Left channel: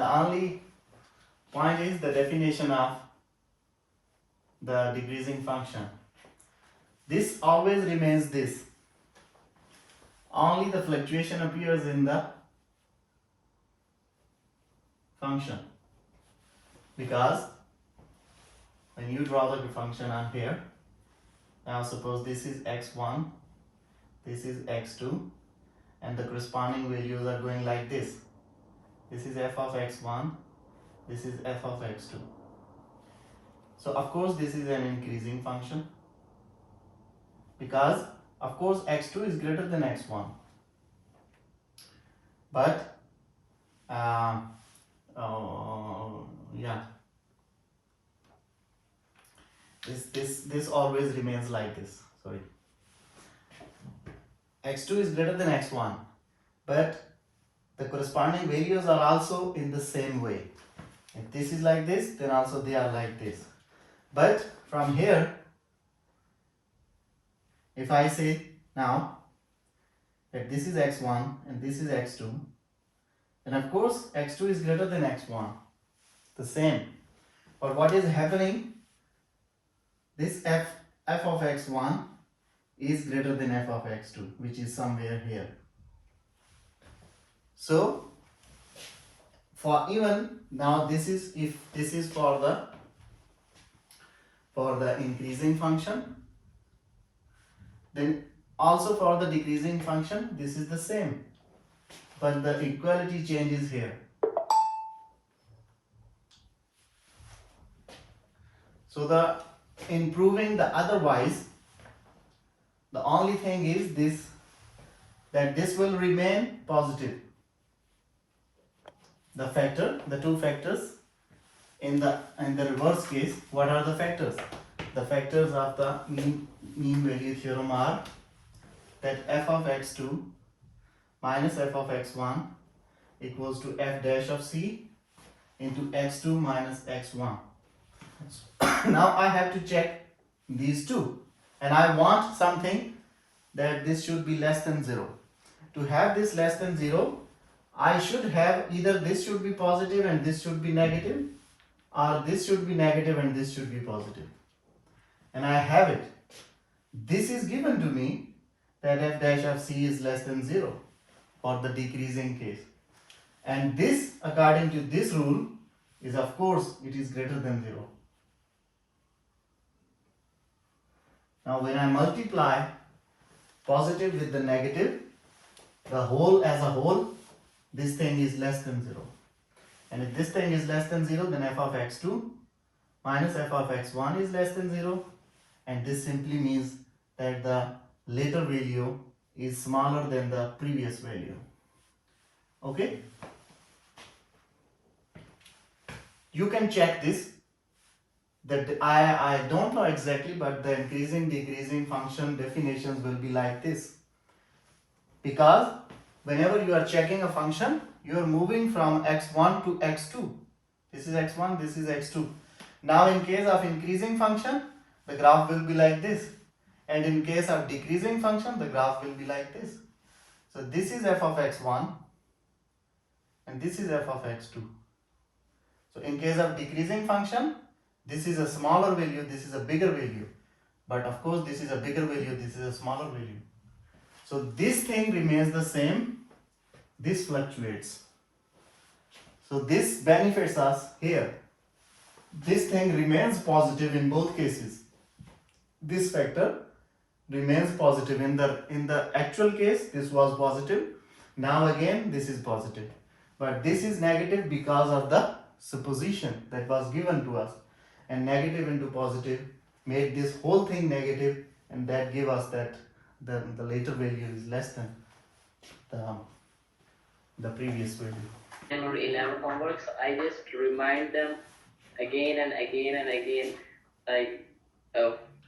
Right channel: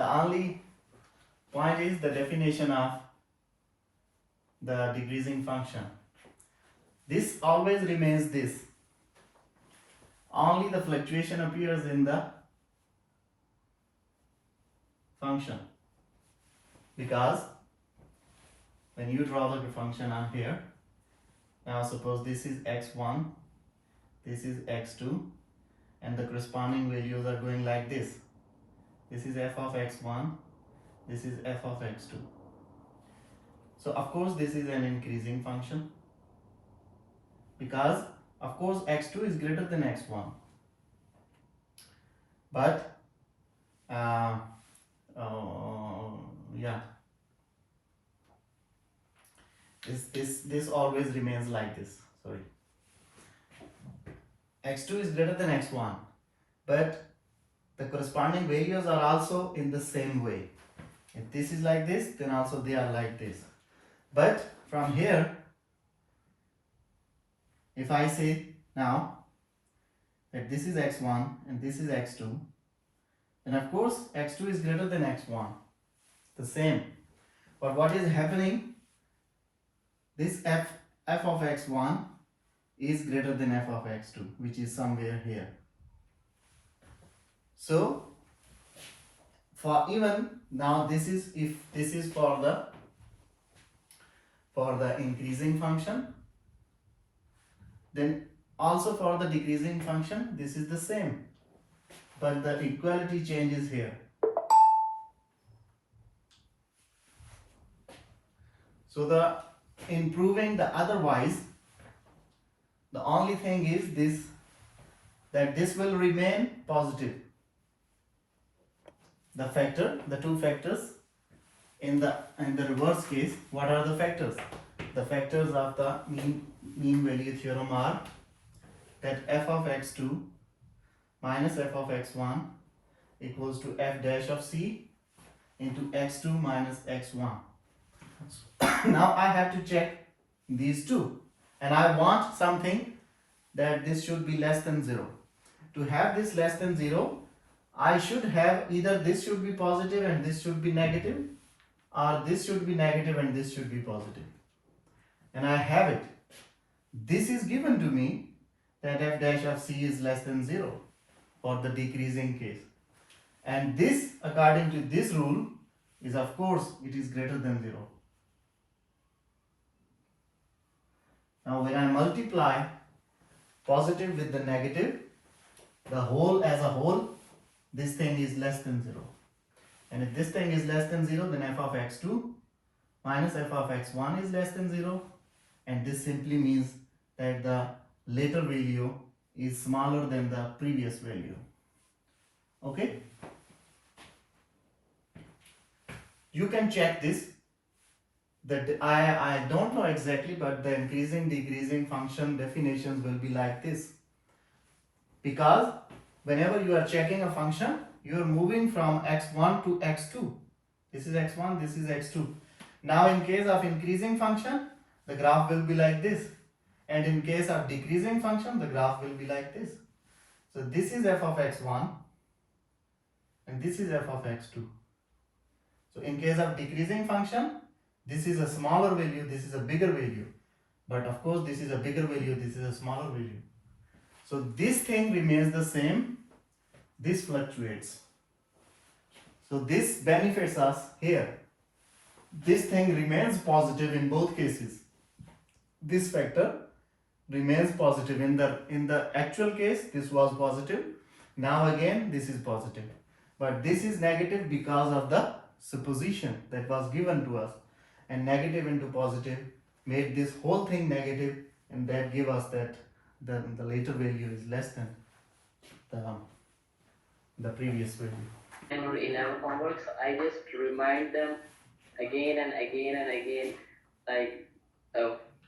The only point is the definition of the decreasing function. This always remains this. Only the fluctuation appears in the function, because when you draw the function on here, now suppose this is x1, this is x2, and the corresponding values are going like this. This is f of x1, this is f of x2. So of course this is an increasing function, because of course x2 is greater than x1, but yeah, this always remains like this. Sorry, x2 is greater than x1, but the corresponding values are also in the same way. If this is like this, then also they are like this. But from here, if I say now that this is x1 and this is x2, then of course x2 is greater than x1, the same. But what is happening, this f of x1 is greater than f of x2, which is somewhere here. So for even now, this is, if this is for the increasing function, then also for the decreasing function this is the same, but the equality changes here. So the in proving the otherwise, the only thing is this, that this will remain positive. The factor, the two factors in the reverse case, what are the factors? The factors of the mean value theorem are that f of x2 minus f of x1 equals to f dash of c into x2 minus x1. Now I have to check these two, and I want something that this should be less than 0. To have this less than 0, I should have either this should be positive and this should be negative, or this should be negative and this should be positive. And I have it. This is given to me that f dash of c is less than 0 for the decreasing case. And this, according to this rule, is of course it is greater than 0. Now when I multiply positive with the negative, the whole as a whole, this thing is less than 0. And if this thing is less than 0, then f of x2 minus f of x1 is less than 0. And this simply means that the later value is smaller than the previous value. Okay? You can check this. That I don't know exactly, but the increasing decreasing function definitions will be like this. Because whenever you are checking a function, you are moving from x1 to x2. This is x1, this is x2. Now in case of increasing function, the graph will be like this. And in case of decreasing function, the graph will be like this. So this is f of x1 and this is f of x2. So in case of decreasing function, this is a smaller value, this is a bigger value. But of course this is a bigger value, this is a smaller value. So this thing remains the same, this fluctuates. So this benefits us here. This thing remains positive in both cases. This factor remains positive. In the actual case, this was positive. Now again, this is positive. But this is negative because of the supposition that was given to us. And negative into positive made this whole thing negative, and that gave us that the later value is less than the previous value. And in our homeworks, I just remind them again and again and again. Like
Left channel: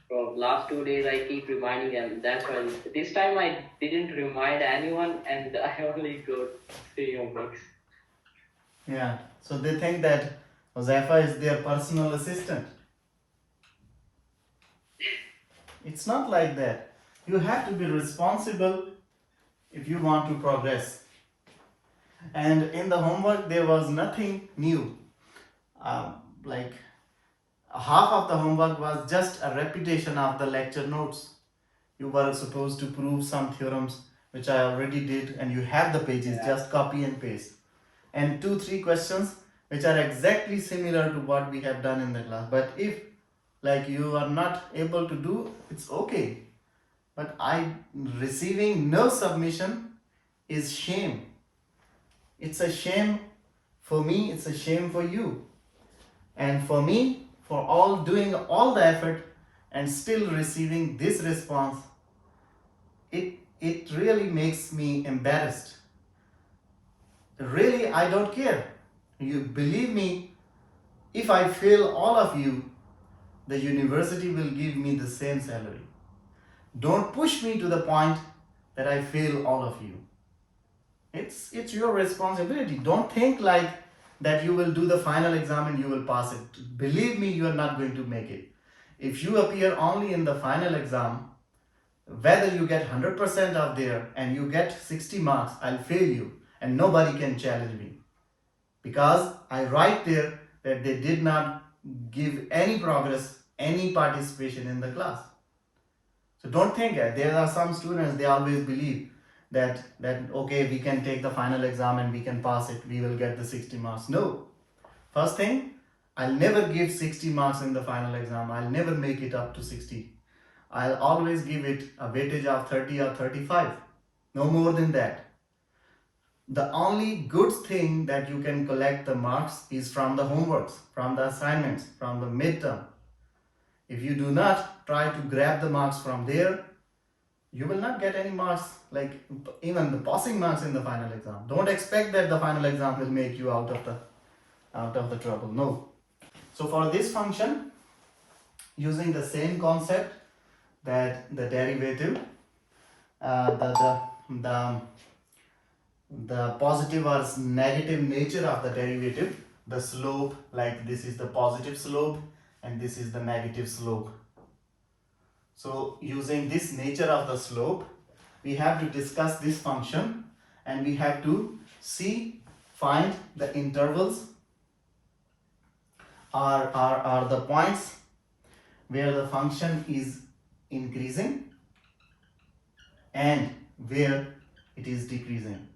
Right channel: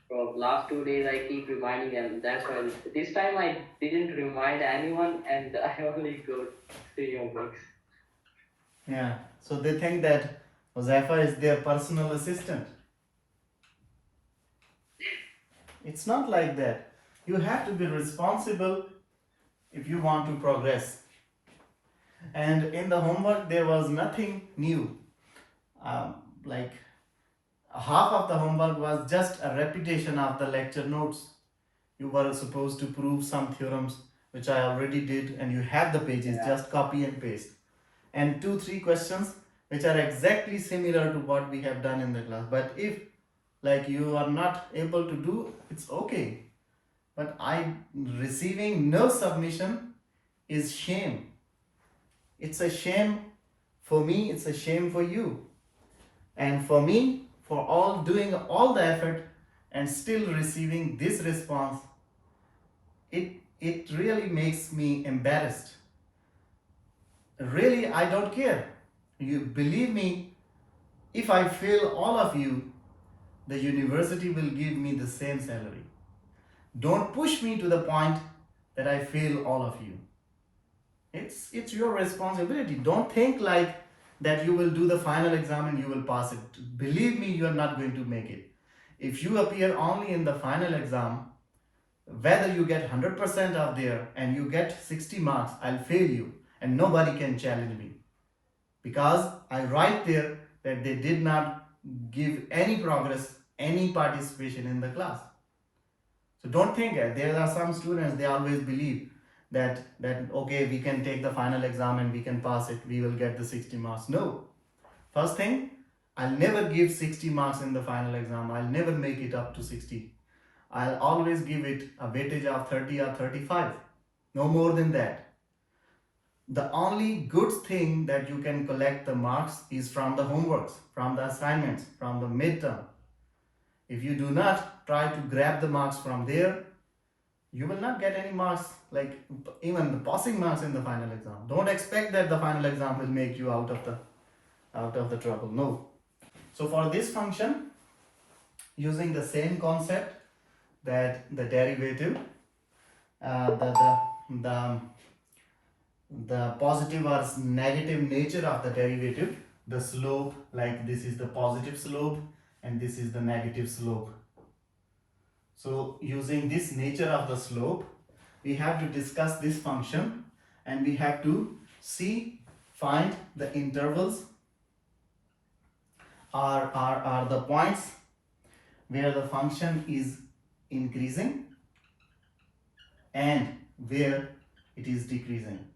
for last 2 days, I keep reminding them. That's why this time I didn't remind anyone, and I only go see homeworks. Yeah. So they think that Josefa is their personal assistant. It's not like that. You have to be responsible if you want to progress. And in the homework, there was nothing new. Like half of the homework was just a repetition of the lecture notes. You were supposed to prove some theorems, which I already did, and you have the pages, Yeah. just copy and paste. And 2-3 questions which are exactly similar to what we have done in the class. But if like you are not able to do, it's okay. But I receiving no submission is shame. It's a shame for me, it's a shame for you. And for me, for all doing all the effort and still receiving this response, it really makes me embarrassed. Really, I don't care. You believe me, if I fail all of you, the university will give me the same salary. Don't push me to the point that I fail all of you. It's your responsibility. Don't think like that you will do the final exam and you will pass it. Believe me, you are not going to make it. If you appear only in the final exam, whether you get 100% of there and you get 60 marks, I'll fail you and nobody can challenge me. Because I write there that they did not give any progress, any participation in the class. So don't think there are some students, they always believe that okay, we can take the final exam and we can pass it, we will get the 60 marks. No. First thing, I'll never give 60 marks in the final exam. I'll never make it up to 60. I'll always give it a weightage of 30 or 35. No more than that. The only good thing that you can collect the marks is from the homeworks, from the assignments, from the midterm. If you do not try to grab the marks from there, you will not get any marks, like even the passing marks in the final exam. Don't expect that the final exam will make you out of the trouble. No. So for this function, using the same concept, that the derivative, the positive or negative nature of the derivative, the slope, like this is the positive slope and this is the negative slope. So using this nature of the slope, we have to discuss this function and we have to find the intervals are the points where the function is increasing and where it is decreasing.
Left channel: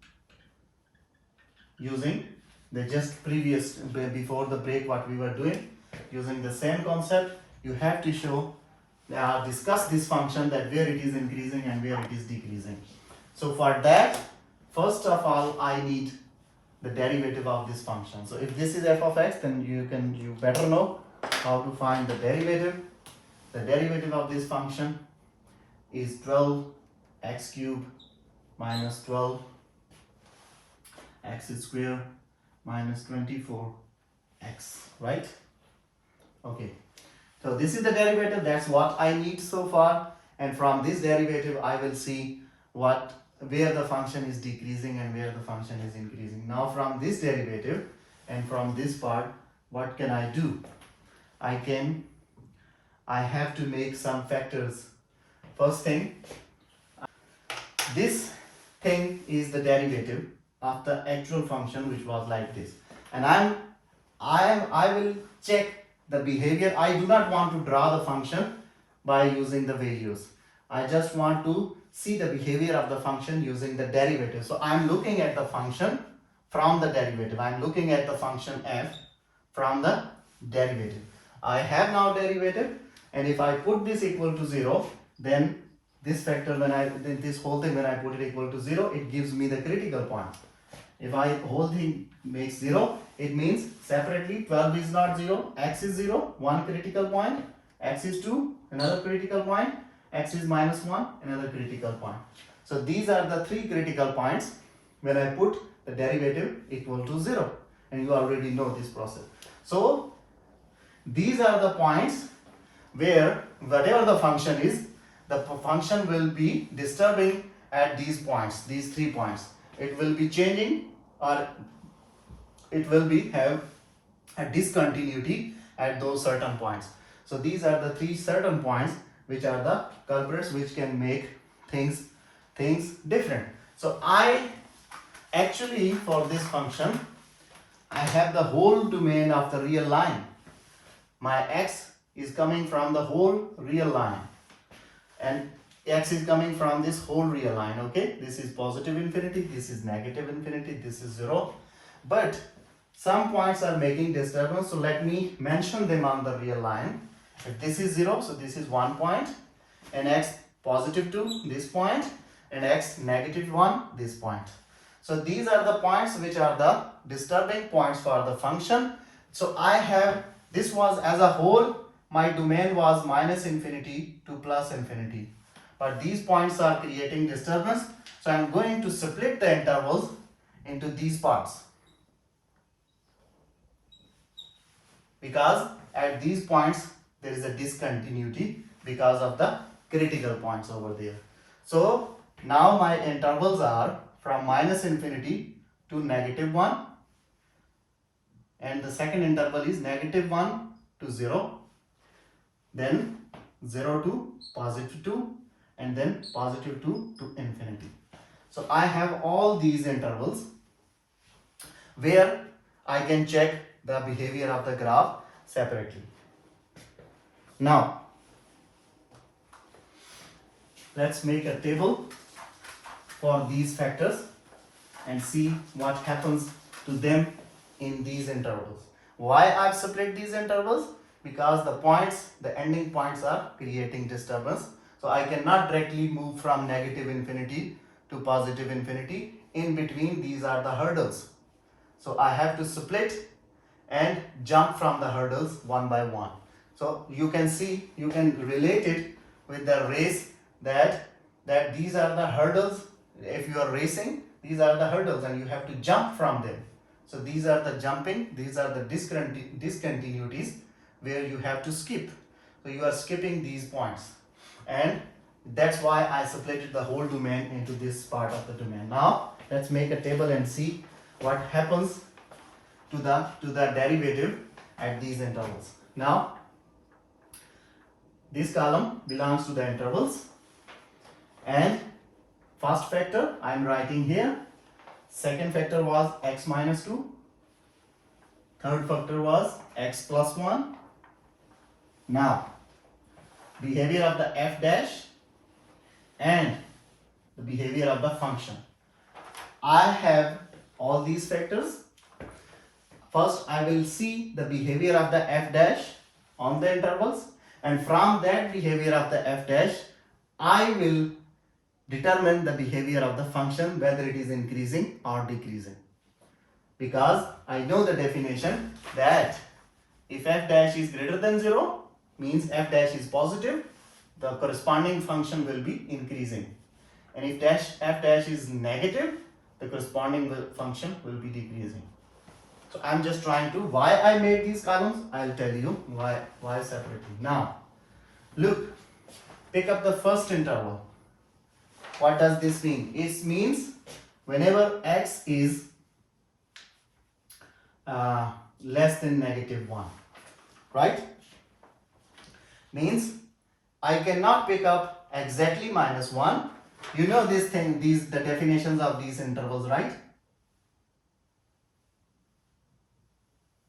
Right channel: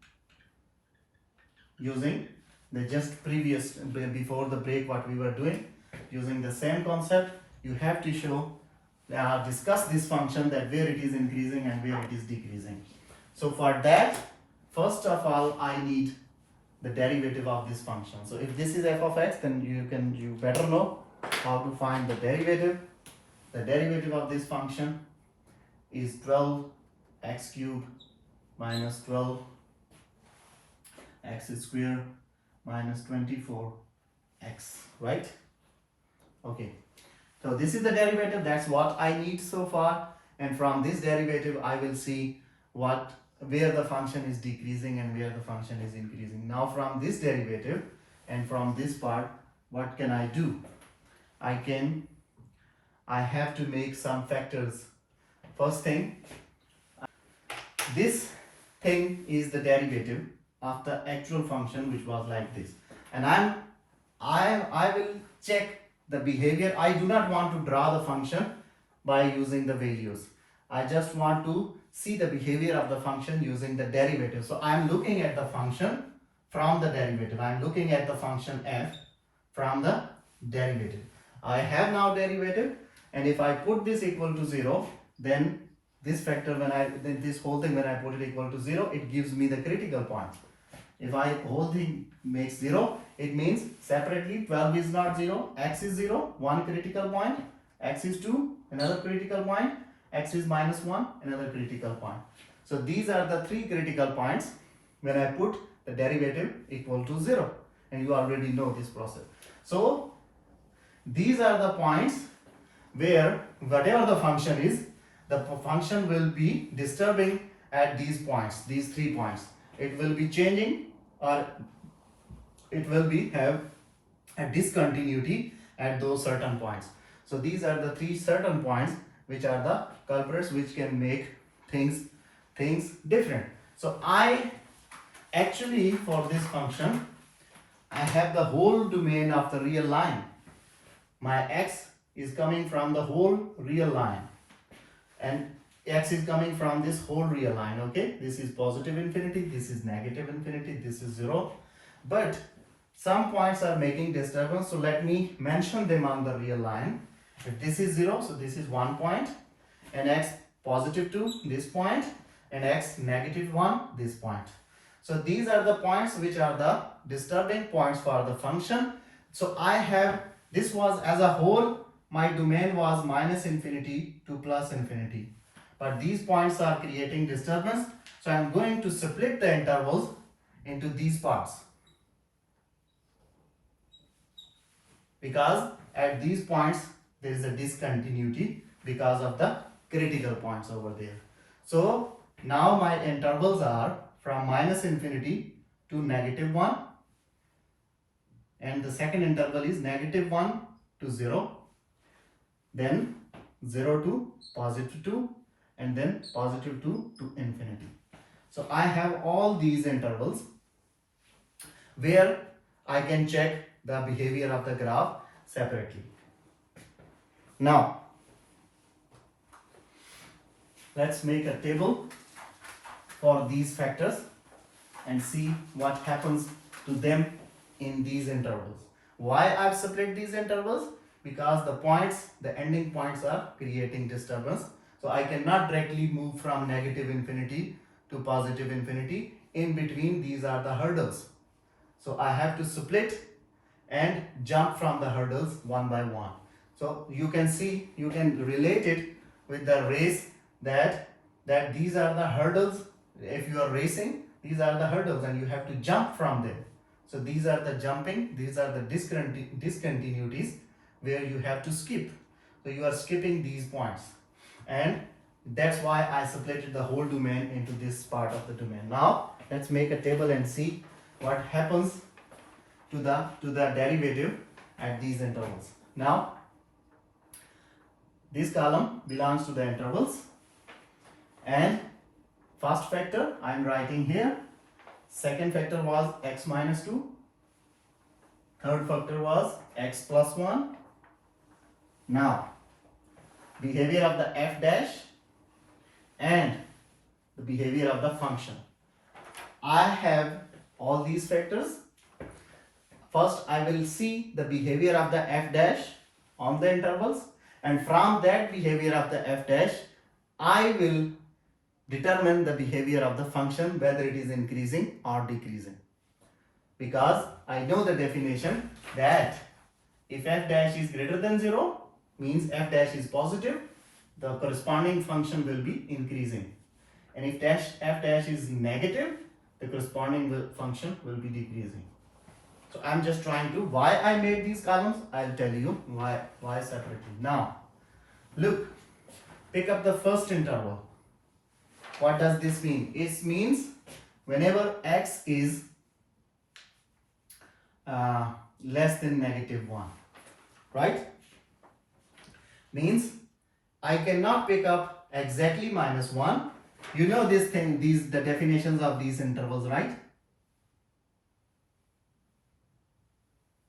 Using the just previous, before the break, what we were doing, using the same concept, you have to show, discuss this function, that where it is increasing and where it is decreasing. So for that, first of all, I need the derivative of this function. So if this is f of x, then you better know how to find the derivative. The derivative of this function is 12x cubed minus 12 x square minus 24x, right? Okay, so this is the derivative, that's what I need so far, and from this derivative I will see where the function is decreasing and where the function is increasing. Now from this derivative and from this part, what can I do? I have to make some factors. First thing, this thing is the derivative of the actual function, which was like this, and I will check the behavior. I do not want to draw the function by using the values. I just want to see the behavior of the function using the derivative. So I'm looking at the function from the derivative. I'm looking at the function f from the derivative. I have now derivative, and if I put this equal to 0, then this factor, then this whole thing, when I put it equal to 0, it gives me the critical point. If whole thing makes 0, it means separately 12 is not 0, x is 0, one critical point, x is 2, another critical point, x is minus 1, another critical point. So these are the three critical points when I put the derivative equal to 0, and you already know this process. So these are the points where whatever the function is, the function will be disturbing at these points, these 3 points. It will be changing, or it will have a discontinuity at those certain points. So these are the 3 certain points which are the culprits, which can make things different. So I actually for this function, I have the whole domain of the real line. My x is coming from the whole real line, and x is coming from this whole real line. Okay, this is positive infinity, this is negative infinity, this is 0. But some points are making disturbance, so let me mention them on the real line. If this is 0, so this is 1 point, and x positive 2, this point, and x negative 1, this point. So these are the points which are the disturbing points for the function. So I have, this was as a whole, my domain was minus infinity to plus infinity. But these points are creating disturbance. So I'm going to split the intervals into these parts. Because at these points there is a discontinuity because of the critical points over there. So now my intervals are from minus infinity to negative 1, and the second interval is negative 1 to 0, then 0 to positive 2, and then positive 2 to infinity. So I have all these intervals where I can check the behavior of the graph separately. Now let's make a table for these factors and see what happens to them in these intervals. Why I've split these intervals? Because the points, the ending points are creating disturbance. So I cannot directly move from negative infinity to positive infinity. In between, these are the hurdles. So I have to split and jump from the hurdles one by one. So you can see, you can relate it with the race that these are the hurdles. If you are racing, these are the hurdles and you have to jump from them. So these are the jumping, these are the discontinuities where you have to skip. So you are skipping these points, and that's why I separated the whole domain into this part of the domain. Now let's make a table and see what happens to the derivative at these intervals. Now this column belongs to the intervals, and first factor I am writing here, second factor was x minus 2, third factor was x plus 1. Now behavior of the f dash and the behavior of the function. I have all these factors. First I will see the behavior of the f dash on the intervals, and from that behavior of the f dash I will determine the behavior of the function, whether it is increasing or decreasing. Because I know the definition that if f dash is greater than 0, means f dash is positive, the corresponding function will be increasing. And if f dash is negative, the corresponding function will be decreasing. So I'm just trying to, why I made these columns, I'll tell you why separately. Now look, pick up the first interval. What does this mean? It means whenever x is less than negative 1, right? Means I cannot pick up exactly minus 1. You know this thing, the definitions of these intervals, right?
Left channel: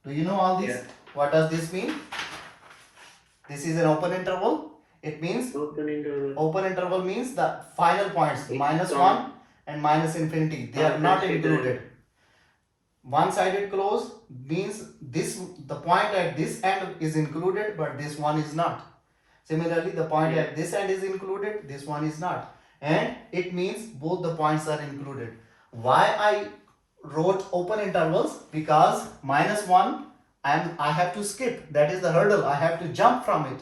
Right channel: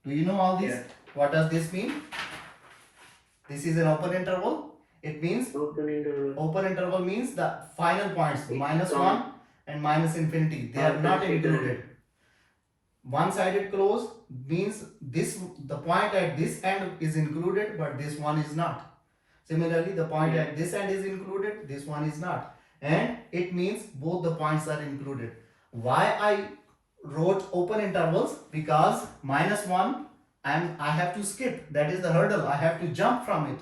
Do you know all these? Yeah. What does this mean? This is an open interval. It means Open interval. open interval means the final points, It's minus gone. 1 and minus infinity, they are not included. One-sided close means the point at this end is included, but this one is not. Similarly, the point at this end is included, this one is not. And it means both the points are included. Why I wrote open intervals? Because minus 1 I have to skip, that is the hurdle, I have to jump from it.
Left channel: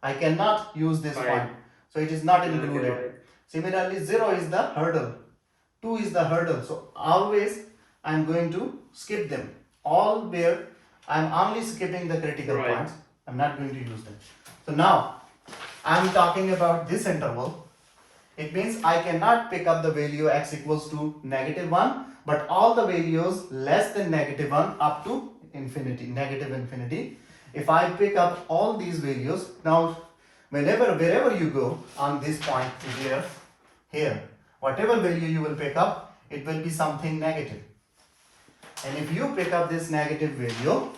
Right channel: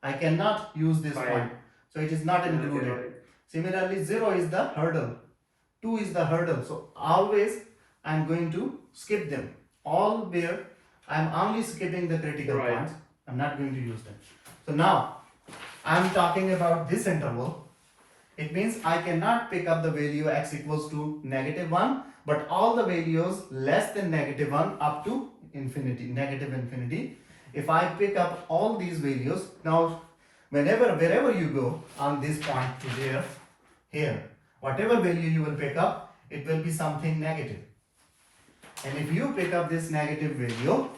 I cannot use this Right. point, so it is not included. Okay. Similarly, 0 is the hurdle, 2 is the hurdle, so always I am going to skip them. All where I am only skipping the critical Right. points, I am not going to use them. So now I am talking about this interval. It means I cannot pick up the value x equals to negative 1, but all the values less than negative 1 up to infinity, negative infinity. If I pick up all these values, now wherever you go on this point to here, whatever value you will pick up, it will be something negative. And if you pick up this negative value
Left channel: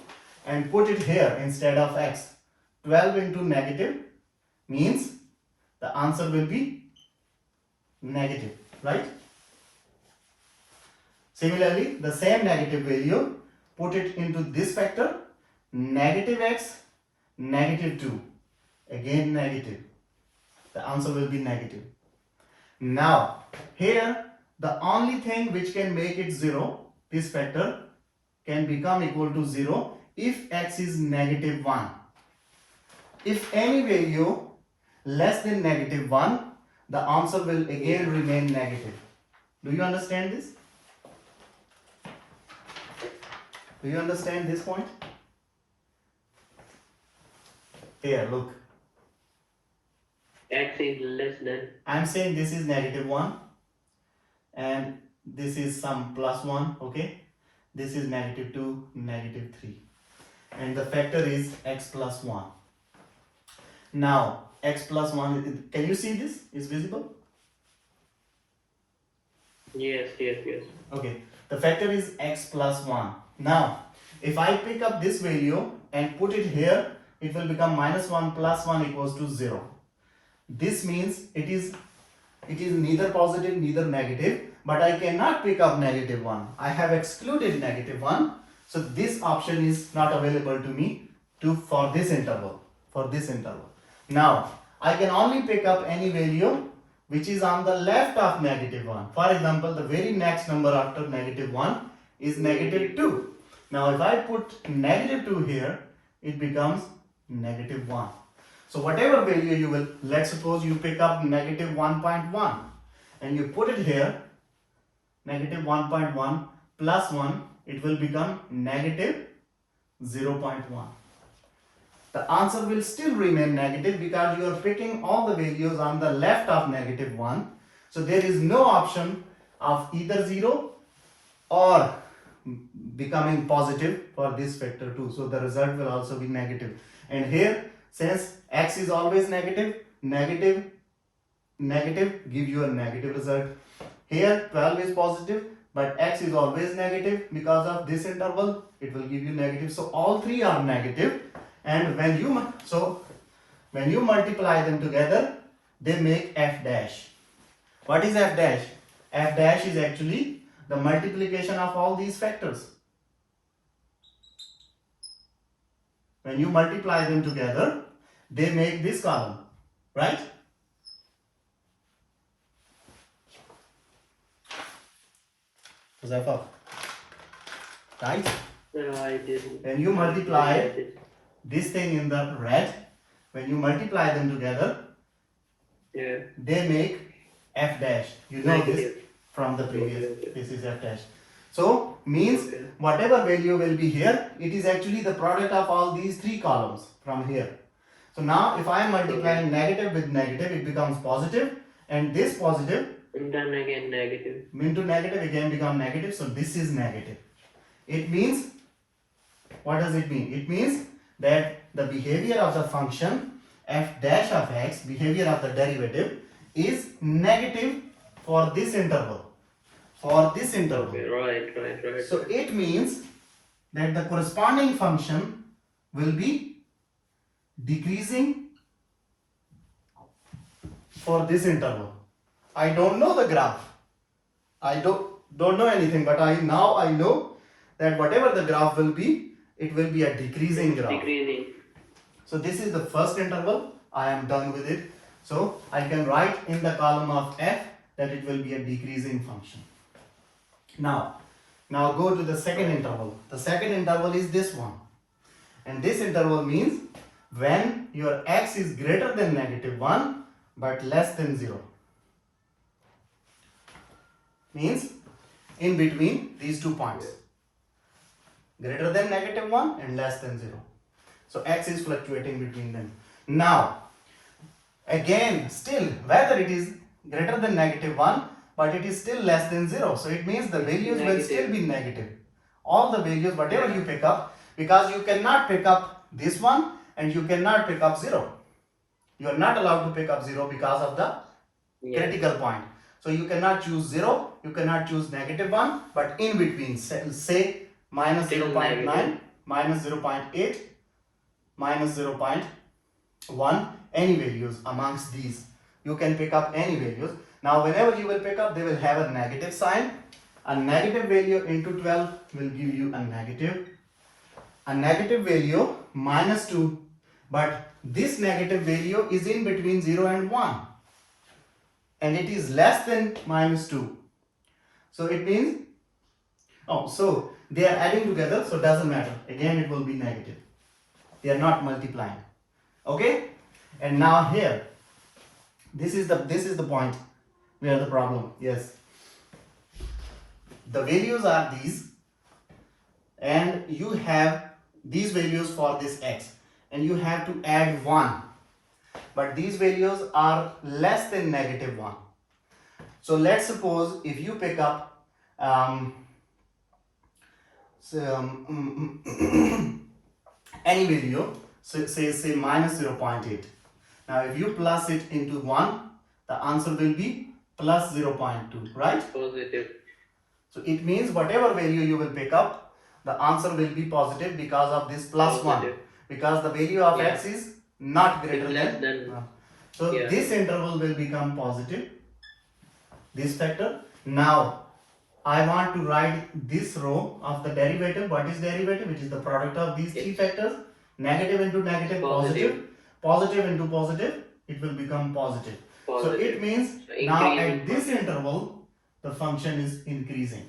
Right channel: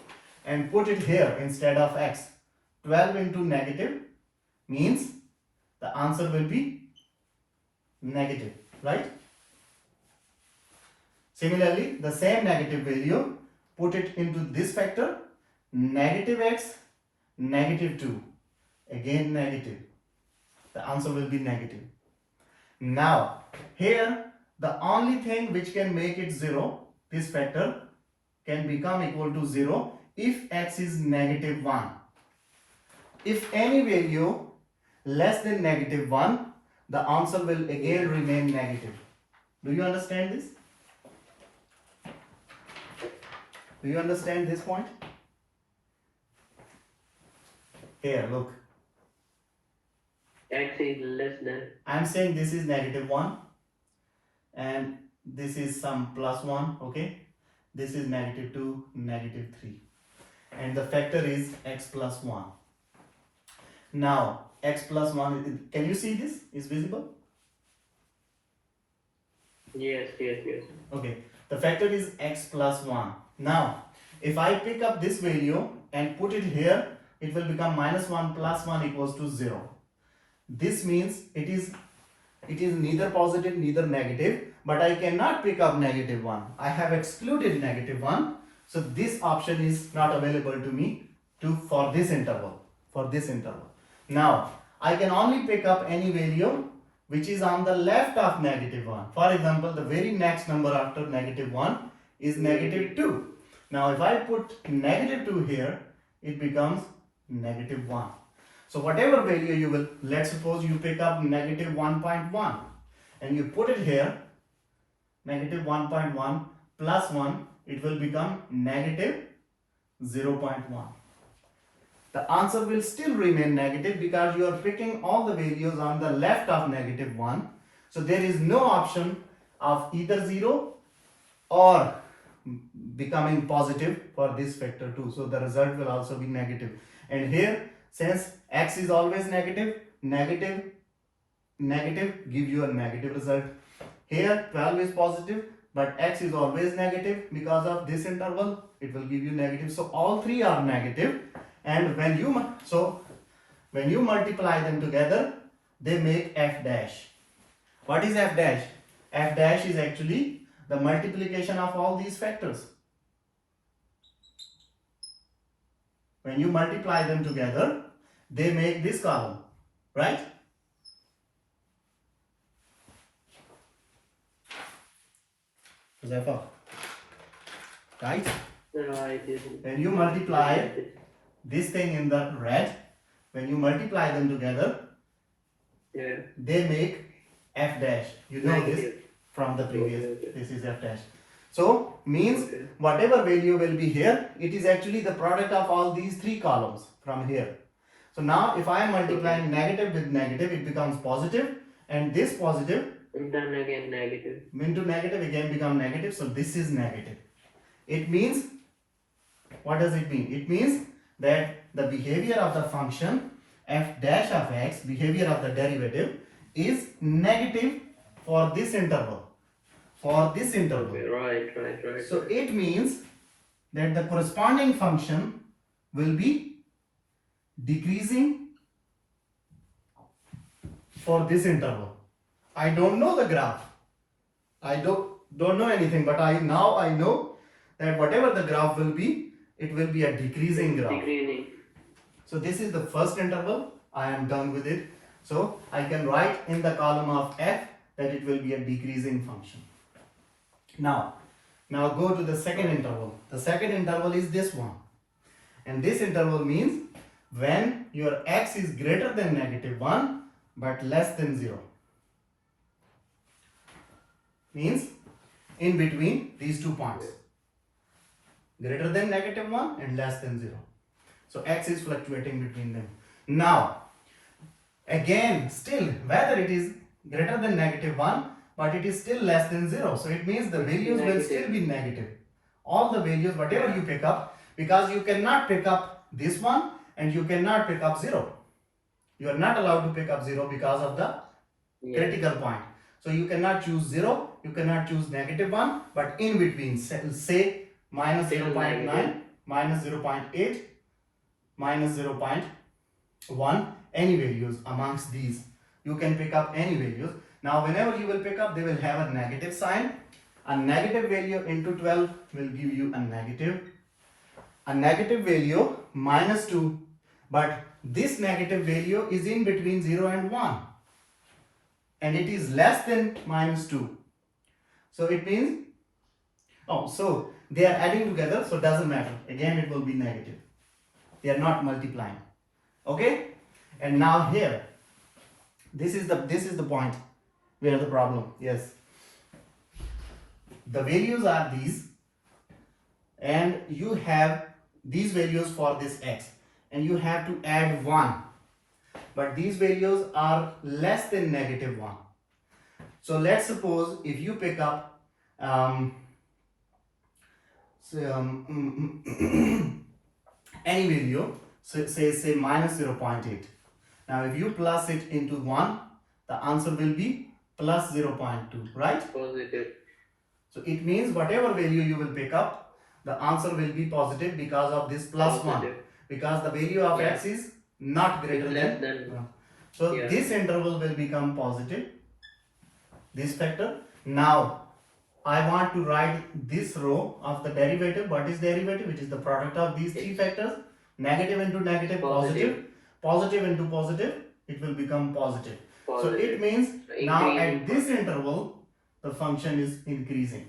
and put it here instead of x, 12 into negative means the answer will be negative, right? Similarly, the same negative value, put it into this factor, negative x, negative 2, again negative. The answer will be negative. Now, here the only thing which can make it 0, this factor can become equal to 0 if x is negative 1. If any value less than negative 1, the answer will again remain negative. Do you understand this? Do you understand this point? Here, look. X is less than. I'm saying this is negative 1 and this is some plus 1, okay? This is negative 2, negative 3. And the factor is x plus 1. Now, x plus 1, can you see this? Is visible? Yes. Okay, the factor is x plus 1. Now, if I pick up this value and put it here, it will become minus 1 plus 1 equals to 0. This means it is neither positive neither negative, but I cannot pick up negative 1. I have excluded negative 1, so this option is not available to me for this interval. Now, I can only pick up any value which is on the left of negative 1. For example, the very next number after negative 1 is negative 2. Now, if I put negative 2 here, it becomes negative 1. So whatever value you will, let's suppose you pick up negative 1.1 and you put it here, negative 1.1 plus 1, it will become negative 0.1. The answer will still remain negative because you are picking all the values on the left of negative 1. So there is no option of either 0 or becoming positive for this factor 2. So the result will also be negative. And here, since x is always negative, negative give you a negative result. Here 12 is positive, but x is always negative. Because of this interval, it will give you negative. So all three are negative. And when you multiply them together, they make f dash. What is f dash? F dash is actually the multiplication of all these factors. When you multiply them together, they make this column, right? Zephyr, right? When you multiply this thing in the red, when you multiply them together, they make f dash. You know this from the previous. This is f dash. So means whatever value will be here, it is actually the product of all these three columns from here. So now if I am multiplying negative with negative, it becomes positive, and this positive then again negative into negative again become negative. So this is negative. It means, what does it mean? It means that the behavior of the function f dash of x, behavior of the derivative, is negative for this interval. Right. So it means that the corresponding function will be decreasing for this interval. I don't know the graph. I don't know anything, but I know that whatever the graph will be, it will be a decreasing graph. So this is the first interval. I am done with it. So I can write in the column of f that it will be a decreasing function. Now go to the second interval. The second interval is this one. And this interval means when your x is greater than negative 1 but less than 0. Means in between these 2 points. Greater than negative 1 and less than 0. So x is fluctuating between them. Now, again, still, whether it is greater than negative 1, but it is still less than 0. So it means the values will still be negative. All the values, whatever you pick up, because you cannot pick up this one and you cannot pick up 0. You are not allowed to pick up 0 because of the critical point. So you cannot choose 0 you cannot choose -1, but in between, say minus Still 0.9, negative. minus 0.8, minus 0.1, any values amongst these. You can pick up any values. Now, whenever you will pick up, they will have a negative sign. A negative value into 12 will give you a negative. A negative value minus 2, but this negative value is in between 0 and 1, and it is less than minus 2. So it means, oh, so they are adding together, so it doesn't matter. Again, it will be negative. They are not multiplying. Okay? And now here, this is the point where the problem. Yes. The values are these, and you have these values for this x, and you have to add 1, but these values are less than -1. So let's suppose if you pick up any value, so say minus 0.8. Now if you plus it into 1, the answer will be plus 0.2, right? Positive. So it means whatever value you will pick up, the answer will be positive because of this plus 1. Positive. Because the value of x is not greater It's less than than. 1. So Yeah. this interval will become positive, this factor. Now I want to write this row of the derivative. What is derivative? Which is the product of these three factors. Negative into negative, positive. Positive into positive, it will become positive. So Positive. it means So now increasing at this function. interval, the function is increasing.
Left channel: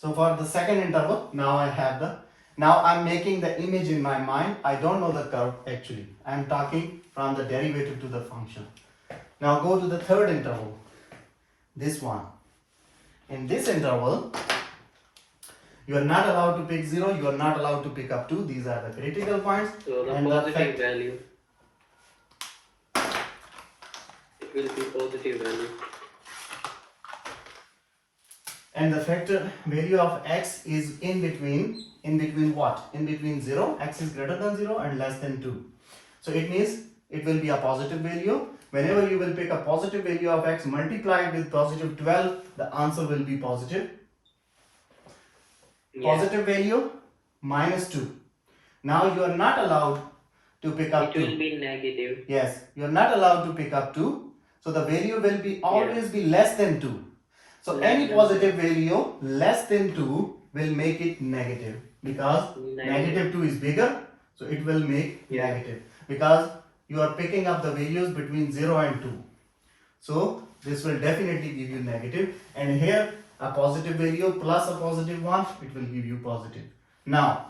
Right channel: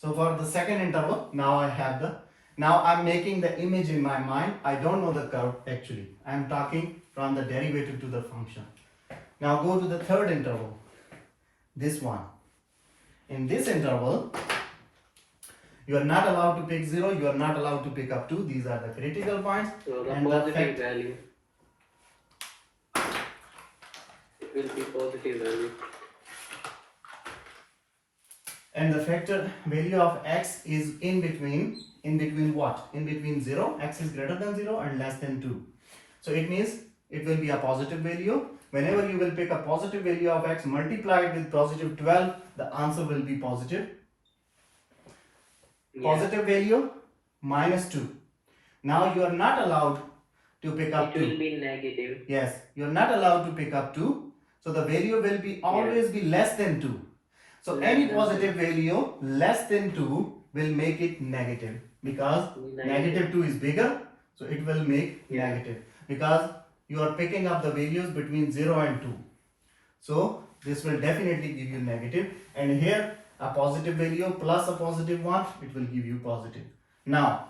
So for the second interval, now I'm making the image in my mind. I don't know the curve actually. I'm talking from the derivative to the function. Now go to the third interval, this one. In this interval, you are not allowed to pick 0, you are not allowed to pick up 2. These are the critical points. So the And the positive value. It will be positive value. And the factor value of x is in between what? In between 0, x is greater than 0 and less than 2. So it means it will be a positive value. Whenever you will pick a positive value of x multiplied with positive 12, the answer will be positive. Yeah. Positive value minus 2. Now you are not allowed to pick up It will 2. be negative. Yes, you are not allowed to pick up 2. So the value will be always be less than 2. So Less any than positive value less than 2 will make it negative, because negative 2 is bigger, so it will make negative, because you are picking up the values between 0 and 2. So this will definitely give you negative, and here a positive value plus a positive 1, it will give you positive. Now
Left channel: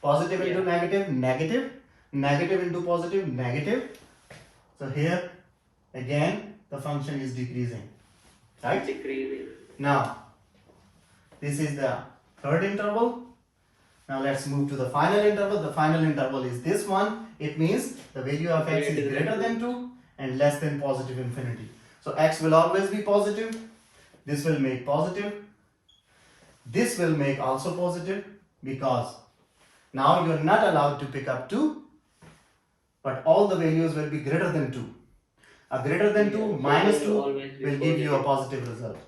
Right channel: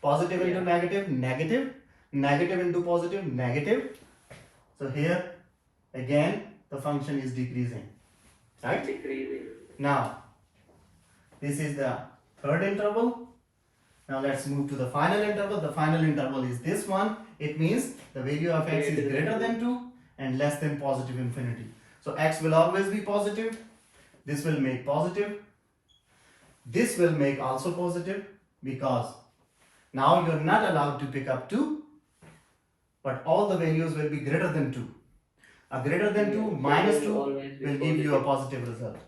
positive into negative, negative, negative into positive, negative. So here again the function is decreasing, right? Decreasing. Now this is the third interval. Now let's move to the final interval. The final interval is this one. It means the value of x is greater than 2 and less than positive infinity. So x will always be positive. This will make positive. This will make also positive, because now you are not allowed to pick up 2, but all the values will be greater than 2. A greater than 2 minus 2 will give you a positive result.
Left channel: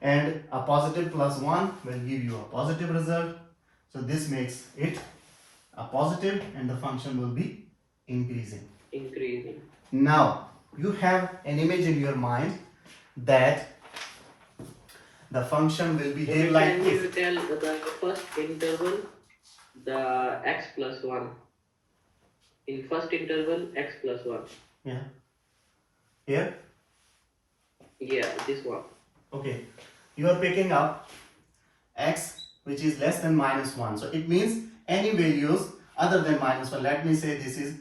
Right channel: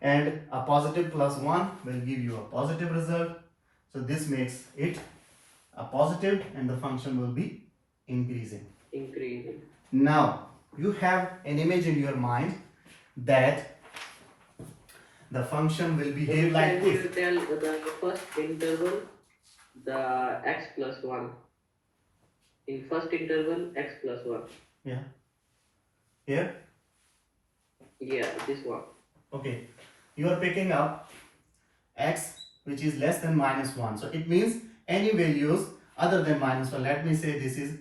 And a positive plus 1 will give you a positive result. So this makes it a positive, and the function will be increasing. Increasing. Now you have an image in your mind that the function will behave like Can this. you tell the first interval, the x plus 1? In first interval, x plus 1. Yeah. Here. Yeah, this one. Okay. You are picking up x which is less than minus 1. So it means any values other than minus 1. Let me say this is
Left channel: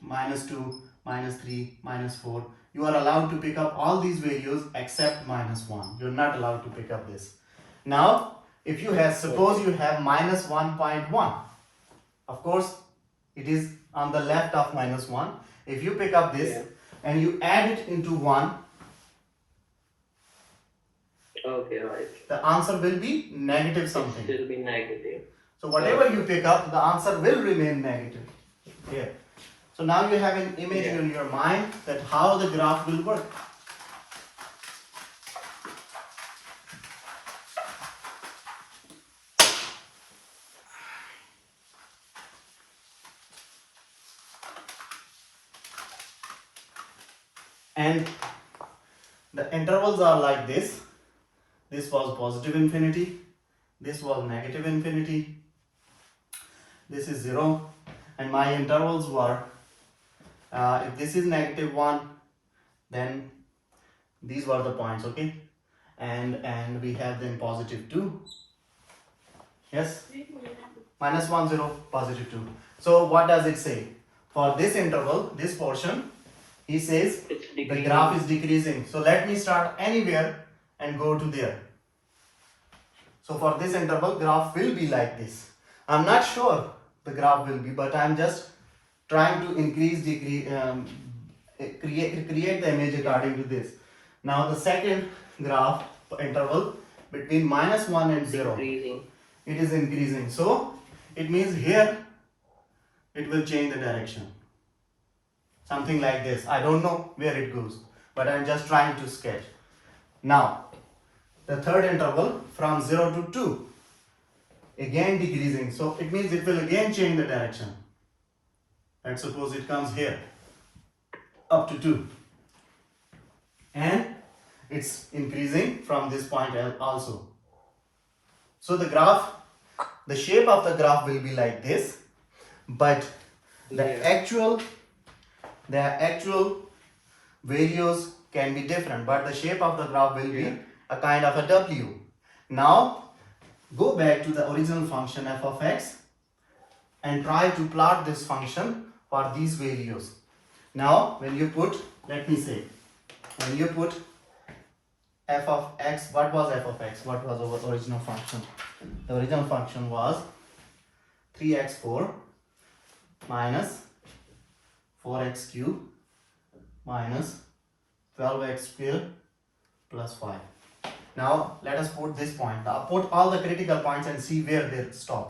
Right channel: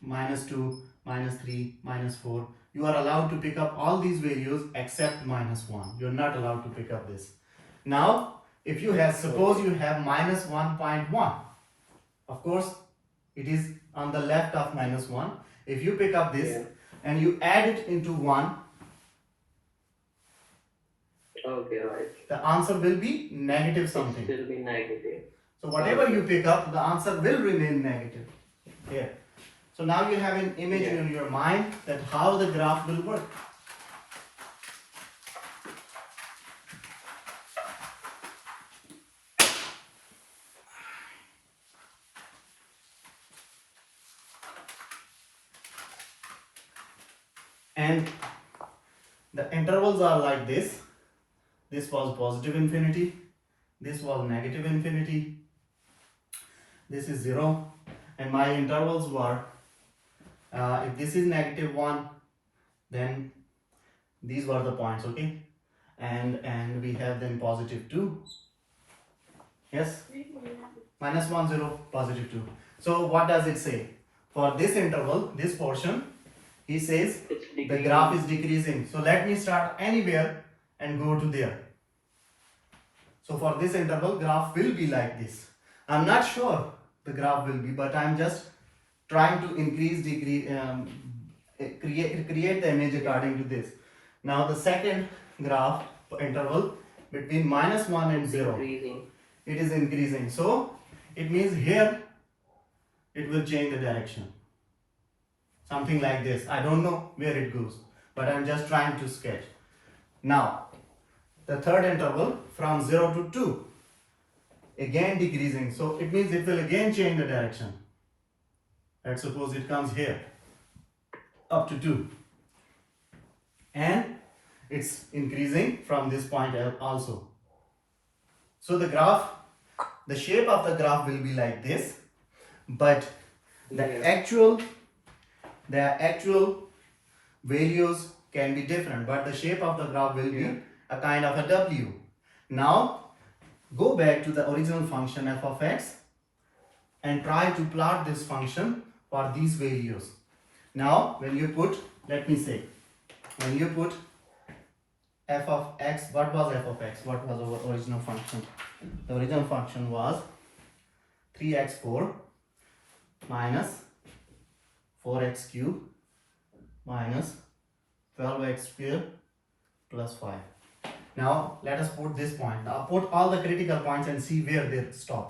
minus 2, minus 3, minus 4. You are allowed to pick up all these values except minus 1. You are not allowed to pick up this. Now, if you have, suppose you have minus 1.1. Of course, it is on the left of minus 1. If you pick up this and you add it into 1, okay, right. the answer will be negative something. It will be negative. So whatever you pick up, the answer will remain negative. Here. So now you have an image in your mind that how the graph will work. and the intervals are like this. This was positive infinity, this was negative infinity, this is 0, and my intervals were, if this is -1, then these were the points, okay, and we have then +2, yes, -1 0 +2. So what does it say? For this interval, this portion, he says It's the decreasing. graph is decreasing. So let me start anywhere and go to there. So for this interval, graph will be like this. I'm not sure the graph will be, but I'm just trying to increase, decrease, create the image according to this. Now the second graph interval between -1 and 0, Decreasing. it is increasing. So it means here it will change the direction. Something like this. I don't know where it goes, but I'm just trying to sketch. Now the third interval from 0 to 2, again decreasing, so it means it will again change the direction. Let's suppose it comes here up to 2, and it's increasing from this point also. So the graph, the shape of the graph will be like this, but the Yeah. actual values can be different, but the shape of the graph will be Yeah. a kind of a W. Now go back to the original function f of x and try to plot this function for these values. Now when you put, let me say, when you put f of x, what was f of x? What was our original function? The original function was 3x4 minus 4x cube minus 12x square plus 5. Now let us put this point. Now put all the critical points and see where they stop.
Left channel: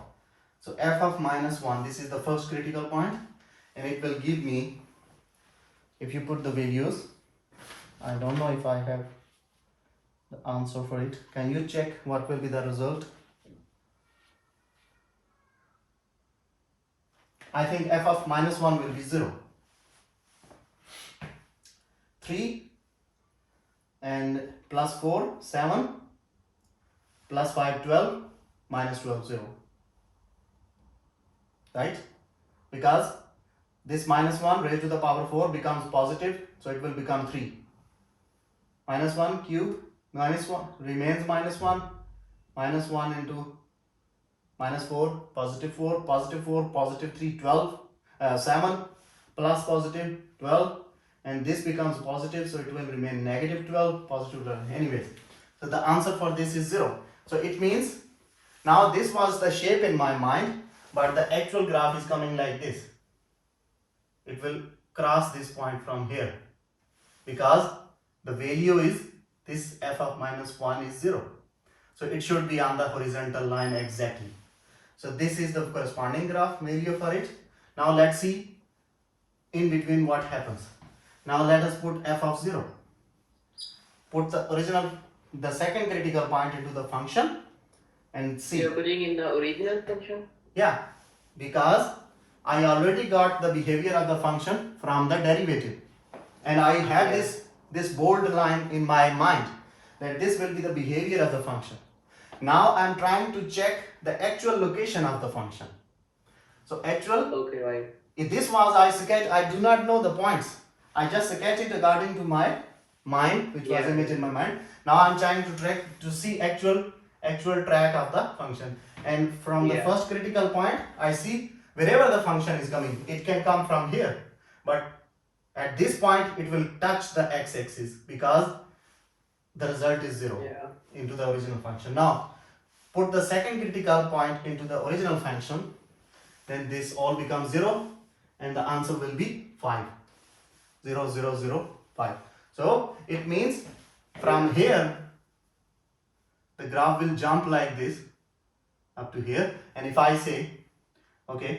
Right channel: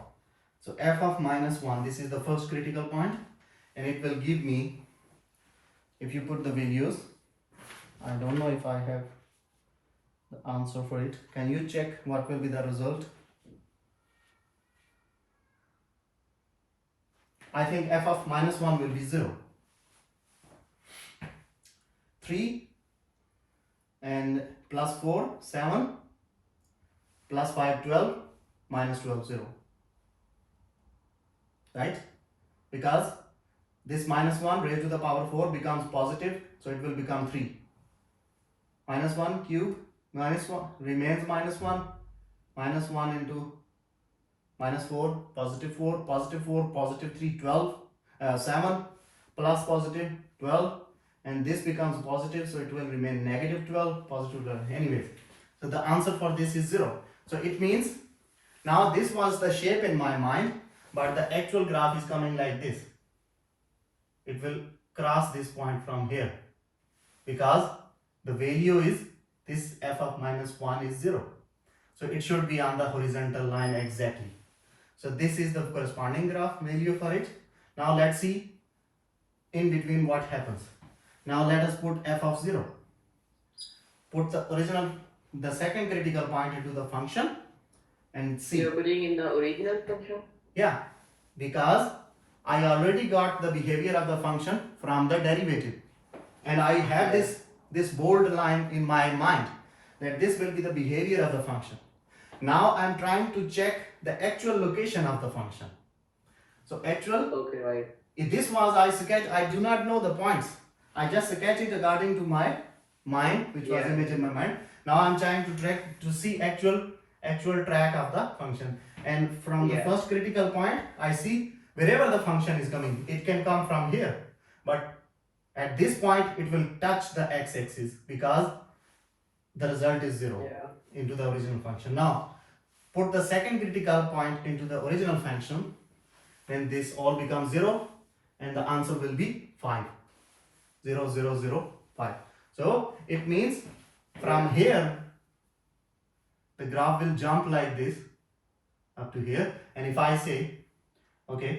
So f of -1, this is the first critical point, and it will give me, if you put the values, I don't know if I have the answer for it. Can you check what will be the result? I think f of -1 will be 0. 3 and plus 4, 7, plus 5, 12, minus 12, 0. Right? Because this -1 raised to the power 4 becomes positive, so it will become 3. -1 cube, -1 remains -1, -1 into -4, +4, +4, +3, 12, 7, plus +12, and this becomes positive, so it will remain -12, +12. Anyways, so the answer for this is 0. So it means now this was the shape in my mind, but the actual graph is coming like this. It will cross this point from here, because the value is this f of -1 is 0. So it should be on the horizontal line exactly. So this is the corresponding graph value for it. Now let's see in between what happens. Now let us put f of 0. Put the second critical point into the function and see. You're putting in the original function? Yeah, because I already got the behavior of the function from the derivative, and I have Yeah. this bold line in my mind that this will be the behavior of the function. Now I'm trying to check the actual location of the function. So actual, Okay, right. if this was I sketch, I do not know the points. I just sketch it according to my mind, which was Yeah. image in my mind. Now I'm trying to track to see actual track of the function. And from the Yeah. first critical point, I see wherever the function is coming, it can come from here. But at this point, it will touch the x-axis because the result is 0 Yeah. into the original function. Now, put the second critical point into the original function, then this all becomes 0, and the answer will be 5. 0, 0, 0, 5. So it means from here, the graph will jump like this up to here. And if I say, okay,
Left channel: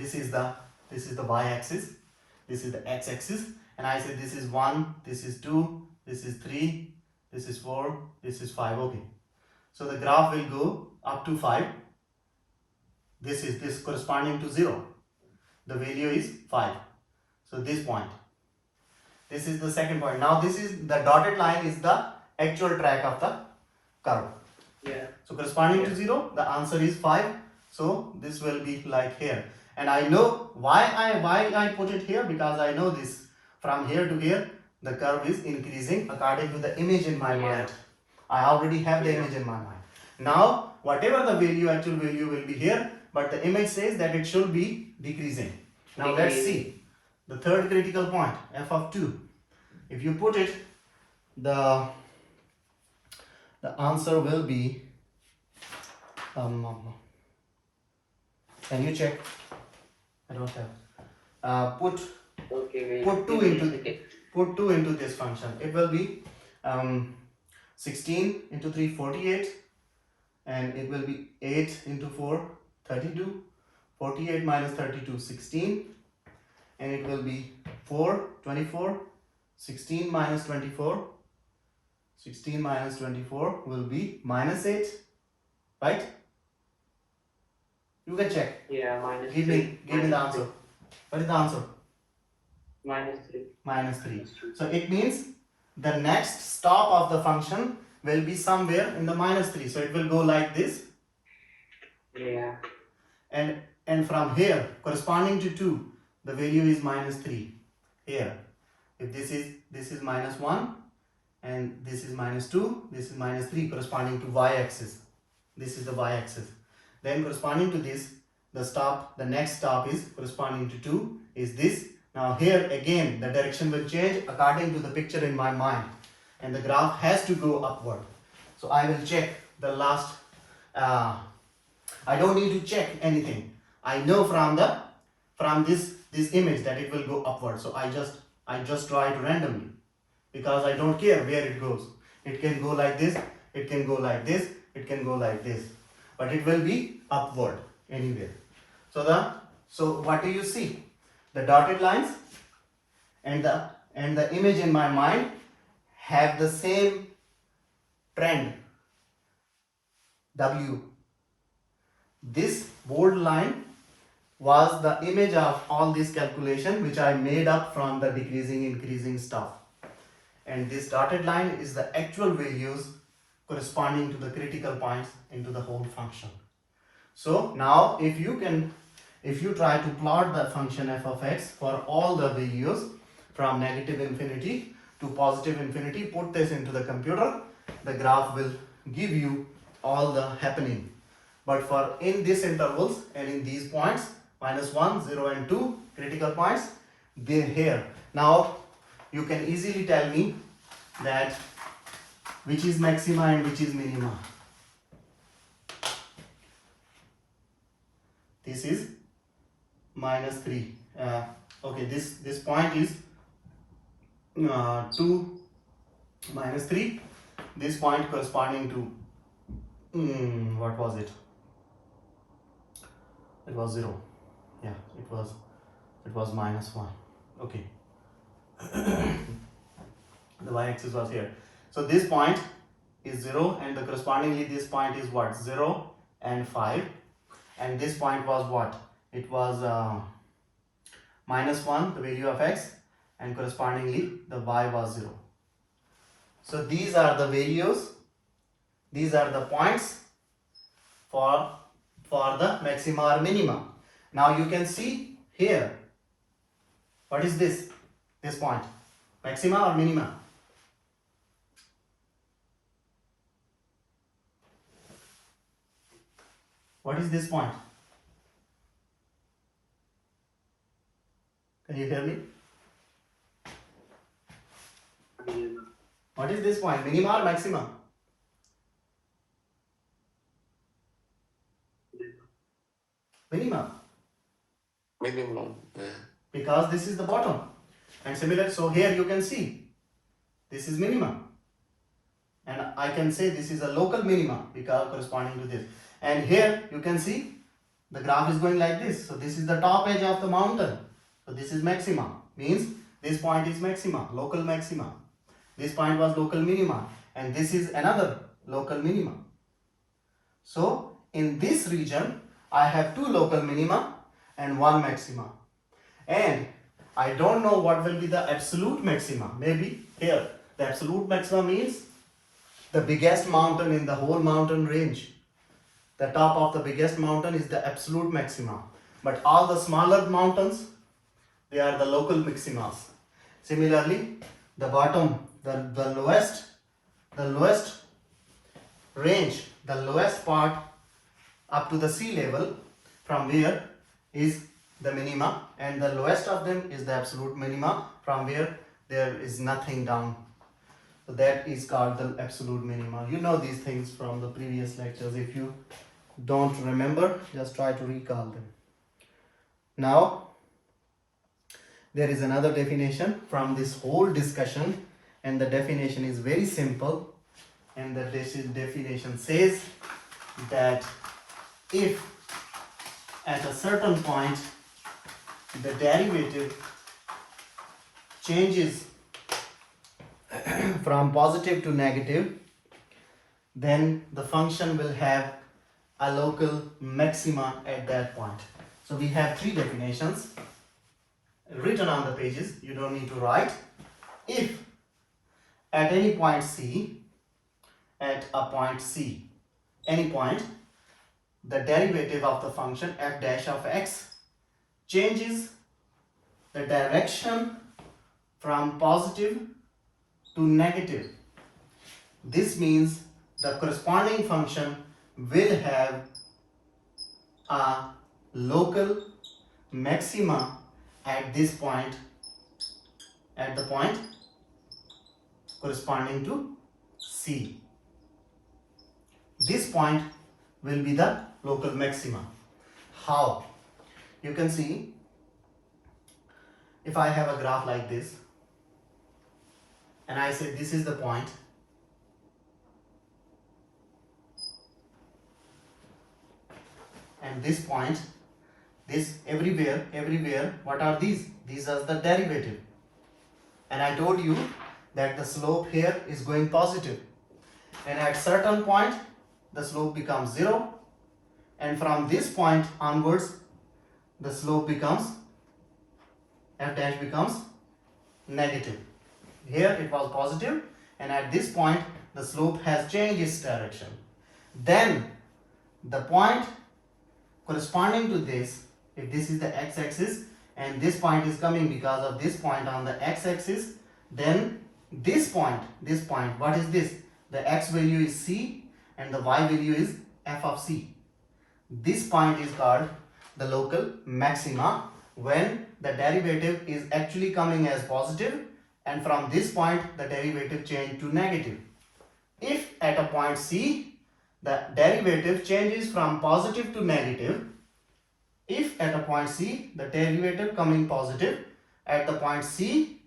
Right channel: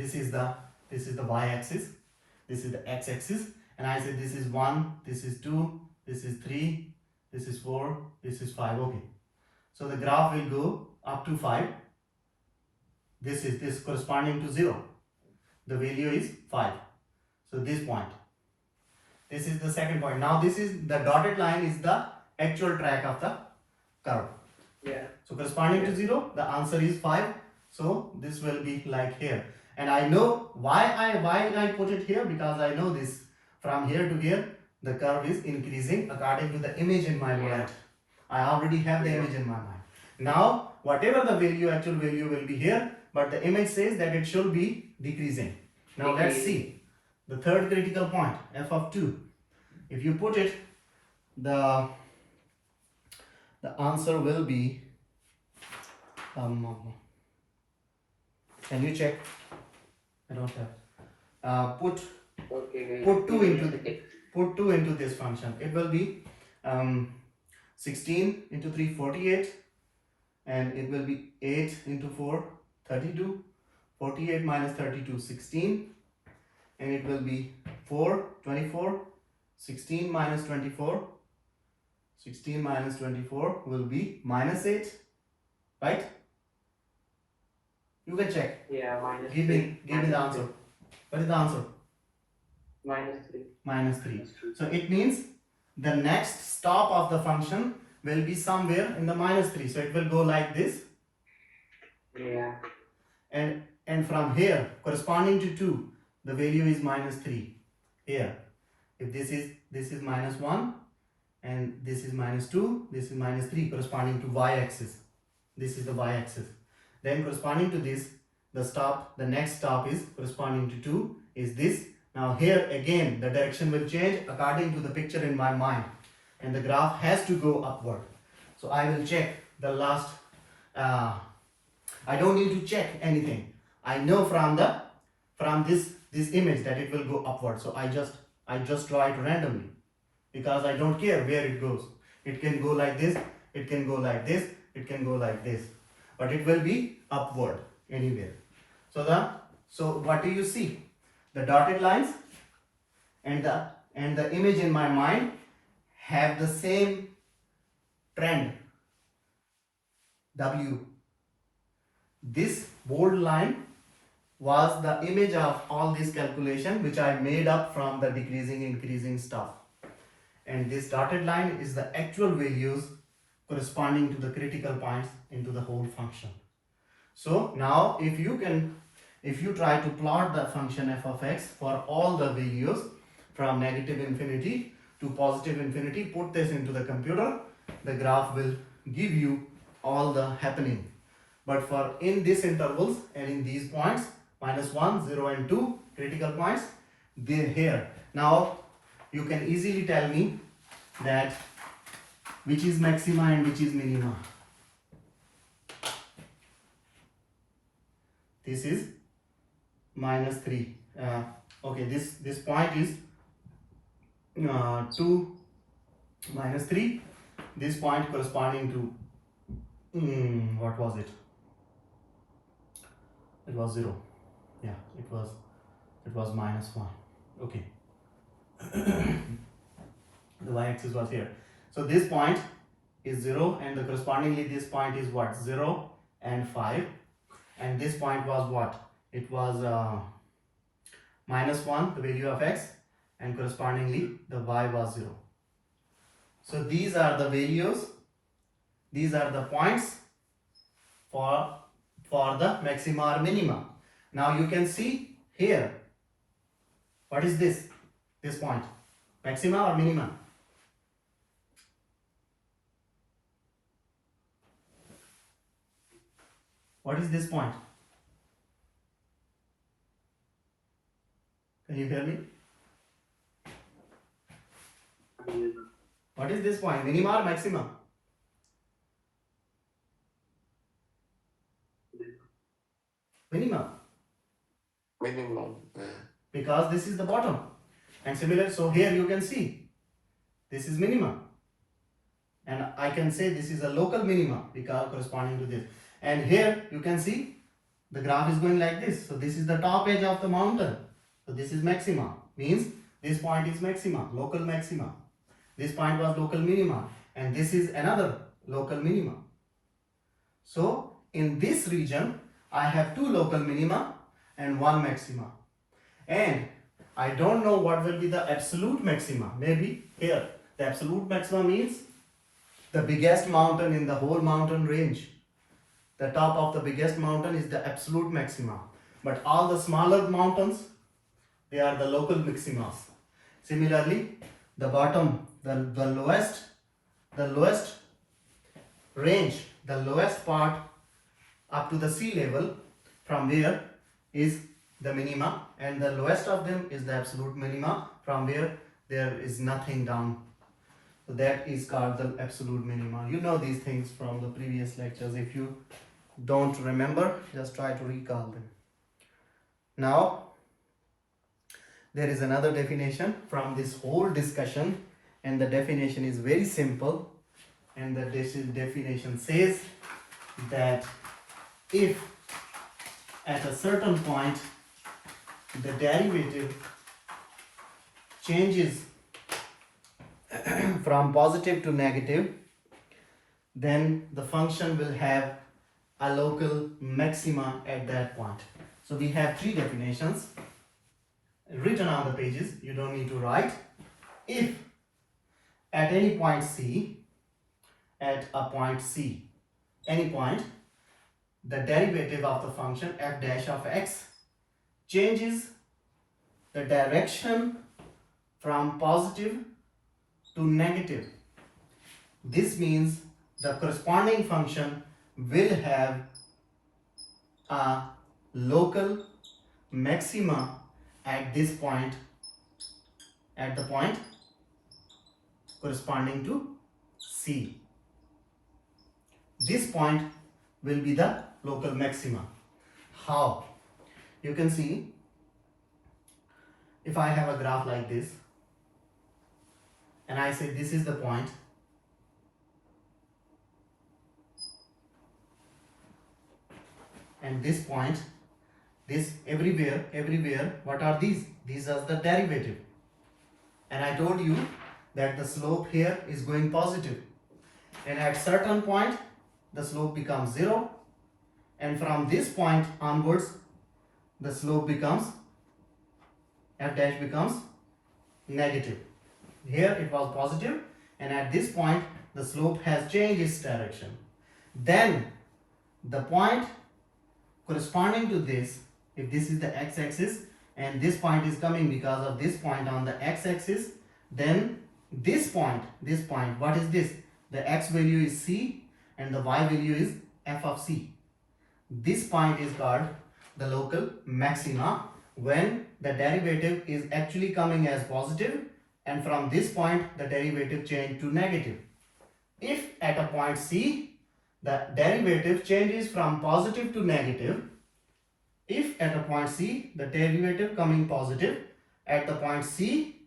this is the y-axis, this is the x-axis, and I say this is 1, this is 2, this is 3, this is 4, this is 5. Okay, so the graph will go up to 5. This is this corresponding to 0. The value is 5. So this point. This is the second point. Now this is the dotted line is the actual track of the curve. Yeah. So corresponding to 0, the answer is 5. So this will be like here. And I know why I put it here, because I know this from here to here the curve is increasing according to the image in my Yeah. mind. I already have the Yeah. image in my mind. Now whatever the value, actual value will be here, but the image says that it should be decreasing. Now let's see the third critical point, f of 2. If you put it, the answer will be can you check? I don't have. Put Okay, wait. put 2 Give me a into second. put 2 into this function. It will be 16 into 3 48, and it will be 8 into 4 32, 48 minus 32 16, and it will be 4 24, 16 minus 24, 16 minus 24 will be minus 8, right? You can check. Yeah, minus Give 3. me the Minus answer. What is the answer? 3. Minus 3. Minus 3. So it means the next stop of the function will be somewhere in the minus 3. So it will go like this, Yeah. and from here corresponding to 2, the value is minus 3 here. If this is minus 1, and this is minus 2, this is minus 3, corresponding to y-axis. This is the y-axis. Then corresponding to this, the next stop is corresponding to 2 is this. Now here again the direction will change according to the picture in my mind, and the graph has to go upward. So I will check the last, I don't need to check anything. I know from this image that it will go upward. So I just draw it randomly, because I don't care where it goes. It can go like this, it can go like this, it can go like this, but it will be upward anywhere. So what do you see? The dotted lines and the image in my mind have the same trend, W. This bold line was the image of all this calculation which I made up from the decreasing increasing stuff, and this dotted line is the actual values corresponding to the critical points into the whole function. So now if you try to plot the function f of x for all the values from negative infinity to positive infinity, put this into the computer, the graph will give you all the happening. But for in these intervals and in these points, minus 1, 0 and 2 critical points, they're here. Now you can easily tell me that which is maxima and which is minima. This is minus 3. Okay, this point is 2 minus 3. This point corresponding to what was it? It was 0. Yeah, it was minus 1. Okay. The y-axis was here. So this point is 0, and the correspondingly this point is what? 0 and 5. And this point was what? It was minus 1, the value of x, and correspondingly the y was 0. So these are the values, these are the points for the maxima or minima. Now you can see here, what is this point? Maxima or minima? What is this point? Can you hear me? What is this point? Minima or maxima? Minima. Minimum. Because this is the bottom. And similar, so here you can see this is minima. And I can say this is a local minima because corresponding to this. And here you can see the graph is going like this. So this is the top edge of the mountain. So this is maxima. Means this point is maxima, local maxima. This point was local minima. And this is another local minima. So in this region, I have two local minima and one maxima. And I don't know what will be the absolute maxima. Maybe here, the absolute maxima means the biggest mountain in the whole mountain range. The top of the biggest mountain is the absolute maxima. But all the smaller mountains, they are the local maximas. Similarly, the bottom, the lowest range, the lowest part up to the sea level, from where is the minima, and the lowest of them is the absolute minima, from where there is nothing down. So that is called the absolute minima. You know these things from the previous lectures. If you don't remember, just try to recall them. Now, there is another definition from this whole discussion, and the definition is very simple, and the definition says that if at a certain point the derivative changes from positive to negative, then the function will have a local maxima at that point. So we have three definitions written on the pages, you don't need to write. If at any point C, at a point C, any point, the derivative of the function f dash of x changes the direction from positive to negative, this means the corresponding function will have a local maxima at this point, at the point corresponding to C. This point will be the local maxima. How? You can see, if I have a graph like this, and I say this is the point, and this point, this everywhere, what are these? These are the derivative. And I told you that the slope here is going positive. And at certain point, the slope becomes 0. And from this point onwards, the slope becomes, f dash becomes negative. Here it was positive, and at this point, the slope has changed its direction. Then, the point corresponding to this, if this is the x-axis and this point is coming because of this point on the x-axis, then this point, what is this? The x value is c and the y value is f of c. This point is called the local maxima when the derivative is actually coming as positive, and from this point the derivative changed to negative. If at a point C the derivative changes from positive to negative, if at a point C the derivative coming positive, at the point C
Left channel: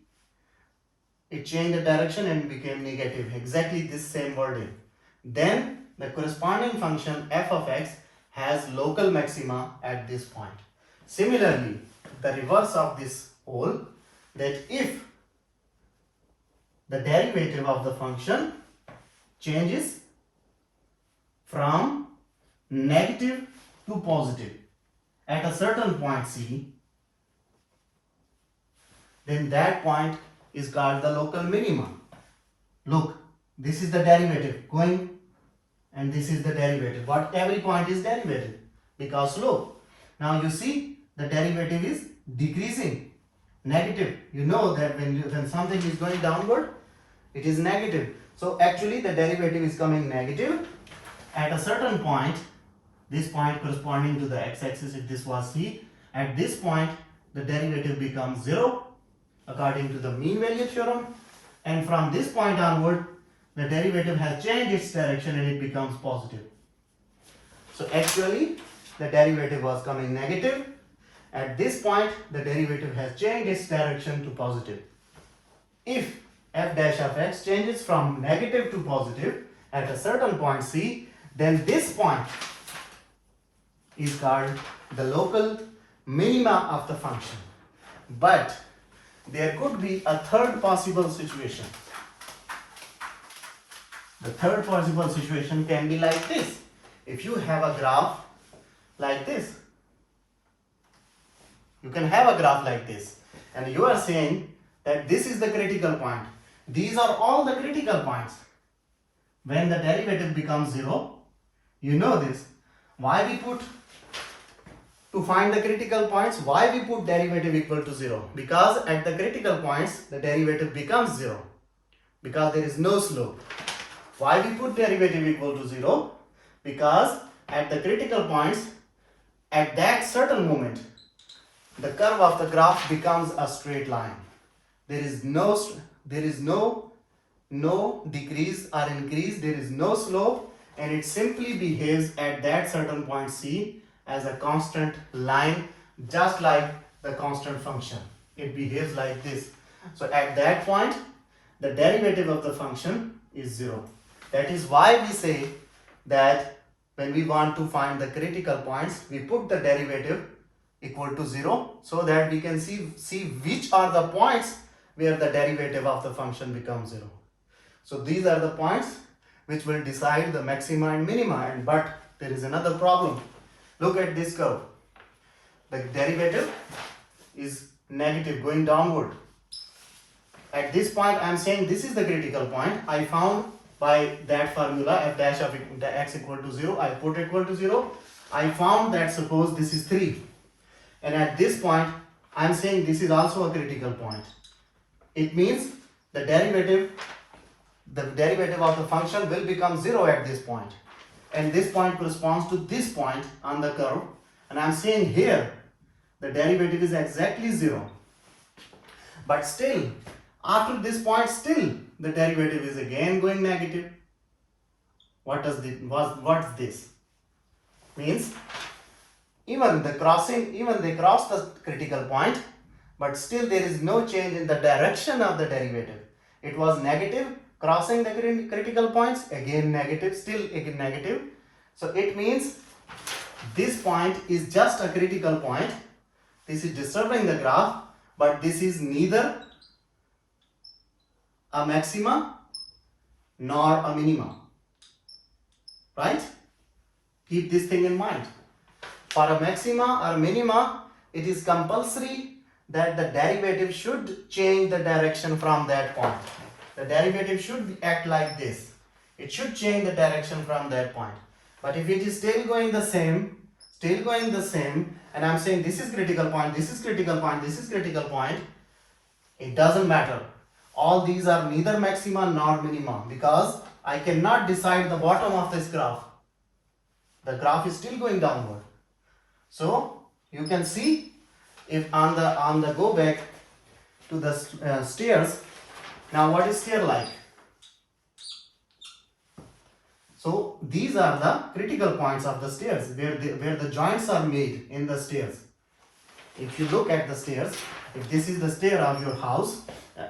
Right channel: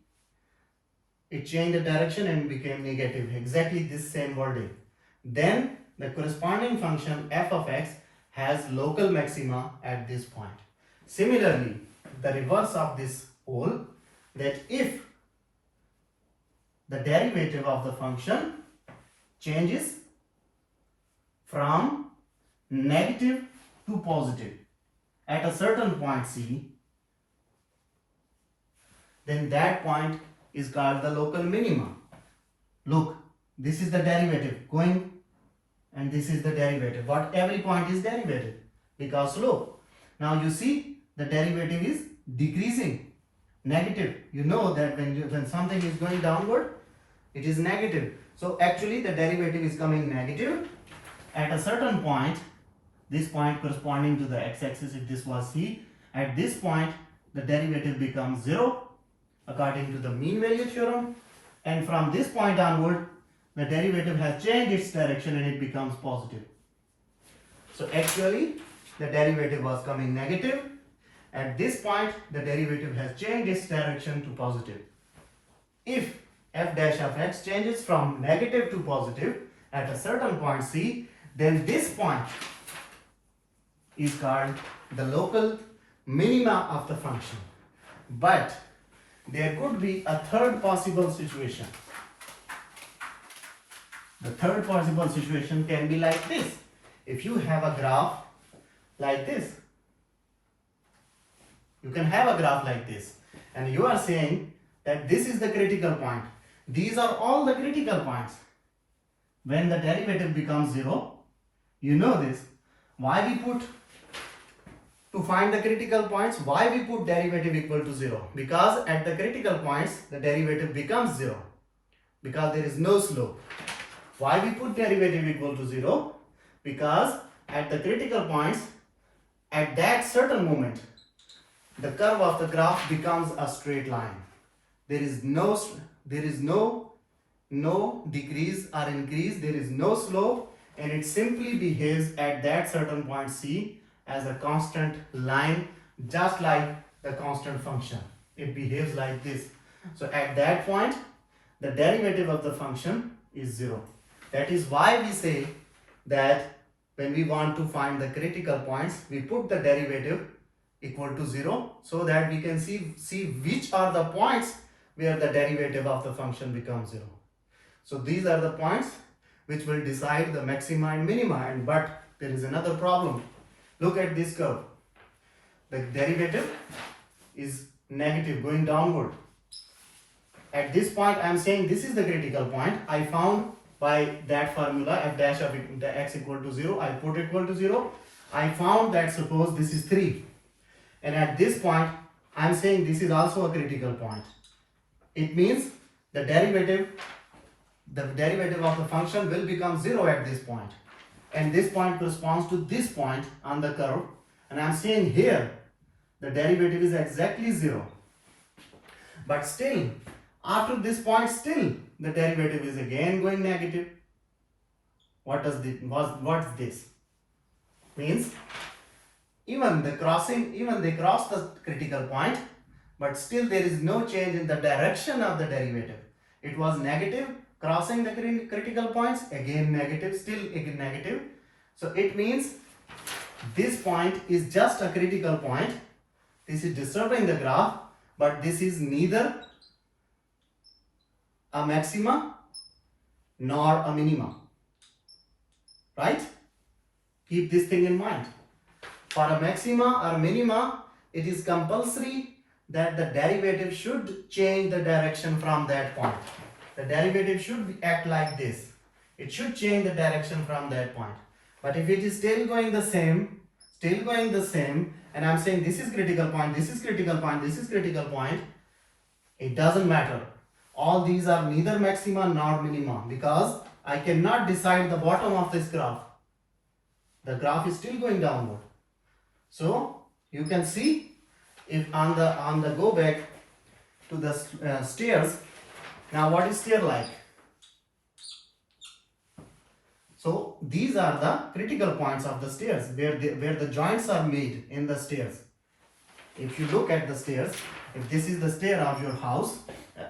it changed the direction and became negative, exactly this same wording, then the corresponding function f of x has local maxima at this point. Similarly, the reverse of this whole, that if the derivative of the function changes from negative to positive at a certain point C, then that point is called the local minima. Look, this is the derivative going, and this is the derivative. What every point is derivative because slope. Now you see the derivative is decreasing, negative. You know that when something is going downward, it is negative. So actually the derivative is coming negative at a certain point. This point corresponding to the x-axis, if this was C, at this point the derivative becomes 0 according to the mean value theorem, and from this point onward the derivative has changed its direction and it becomes positive. So actually the derivative was coming negative. At this point the derivative has changed its direction to positive. If f dash of x changes from negative to positive at a certain point C, then this point is called the local minima of the function. But there could be a third possible situation. The third possible situation can be like this. If you have a graph like this, you can have a graph like this, and you are saying that this is the critical point. These are all the critical points. When the derivative becomes 0, you know this. Why we put, to find the critical points, why we put derivative equal to 0? Because at the critical points, the derivative becomes 0. Because there is no slope. Why we put derivative equal to 0? Because at the critical points, at that certain moment, the curve of the graph becomes a straight line. There is no decrease or increase, there is no slope, and it simply behaves at that certain point C as a constant line, just like the constant function. It behaves like this. So at that point, the derivative of the function is 0. That is why we say that when we want to find the critical points, we put the derivative equal to 0 so that we can see which are the points where the derivative of the function becomes 0. So these are the points which will decide the maxima and minima. But there is another problem. Look at this curve. The derivative is negative, going downward. At this point, I am saying this is the critical point. I found by that formula f dash of the x equal to 0. I put equal to 0. I found that suppose this is 3. And at this point, I am saying this is also a critical point. It means the derivative of the function will become 0 at this point. And this point corresponds to this point on the curve. And I am saying here, the derivative is exactly 0. But still, after this point, still the derivative is again going negative. What's this? Means even they cross the critical point, but still there is no change in the direction of the derivative. It was negative, crossing the critical points, again negative, still again negative. So it means this point is just a critical point. This is disturbing the graph, but this is neither a maxima nor a minima. Right? Keep this thing in mind. For a maxima or minima, it is compulsory that the derivative should change the direction from that point. The derivative should act like this. It should change the direction from that point. But if it is still going the same, and I'm saying this is critical point, this is critical point, this is critical point, it doesn't matter. All these are neither maxima nor minima, because I cannot decide the bottom of this graph. The graph is still going downward. So you can see, if on the go back to the stairs. Now what is stair like? So these are the critical points of the stairs where the joints are made in the stairs. If you look at the stairs, if this is the stair of your house,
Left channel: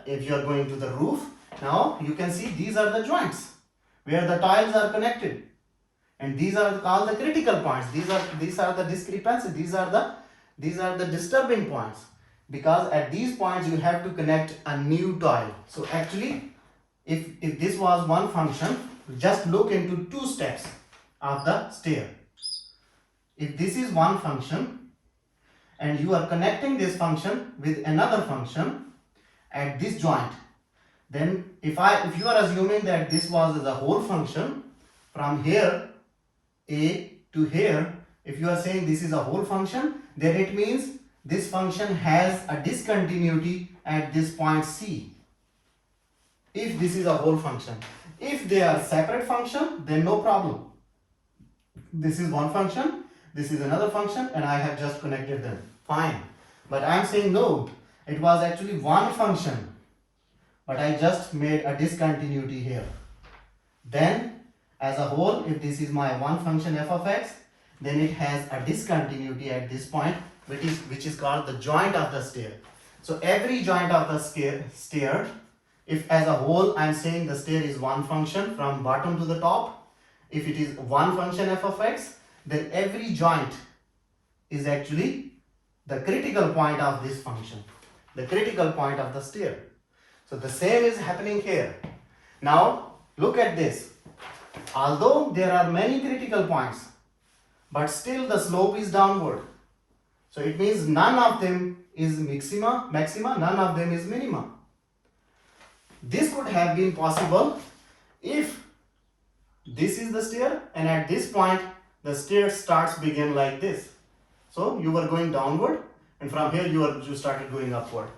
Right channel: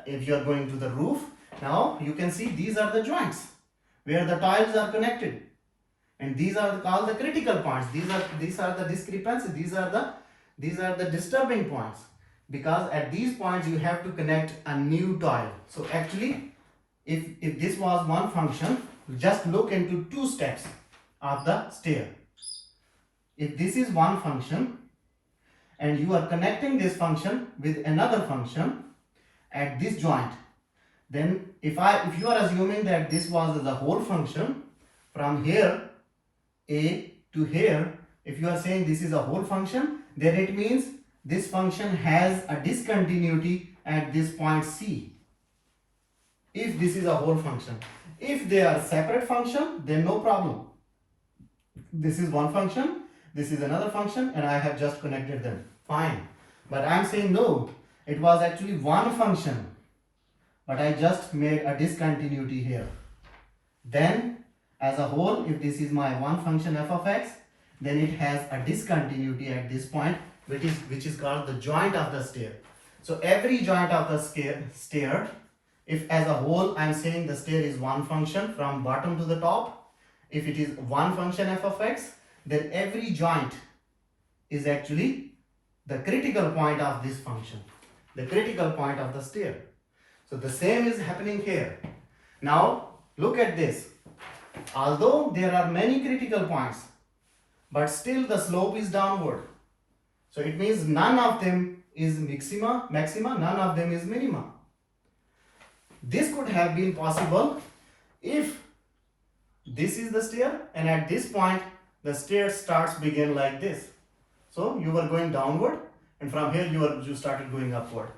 if you are going to the roof, now you can see these are the joints where the tiles are connected, and these are called the critical points. These are the discrepancies. These are the disturbing points, because at these points you have to connect a new tile. So actually, if this was one function, just look into two steps of the stair. If this is one function and you are connecting this function with another function at this joint, then if you are assuming that this was the whole function from here A to here, if you are saying this is a whole function, then it means this function has a discontinuity at this point C. If this is a whole function. If they are separate function, then no problem. This is one function, this is another function, and I have just connected them. Fine. But I am saying no, it was actually one function, but I just made a discontinuity here. Then as a whole, if this is my one function f of x, then it has a discontinuity at this point, which is called the joint of the stair. So every joint of the stair, if as a whole I am saying the stair is one function from bottom to the top, if it is one function f of x, then every joint is actually the critical point of this function, the critical point of the stair. So the same is happening here. Now look at this. Although there are many critical points, but still the slope is downward. So it means none of them is maxima, none of them is minima. This could have been possible if this is the stair and at this point the stair begin like this. So you were going downward and from here you started going upward.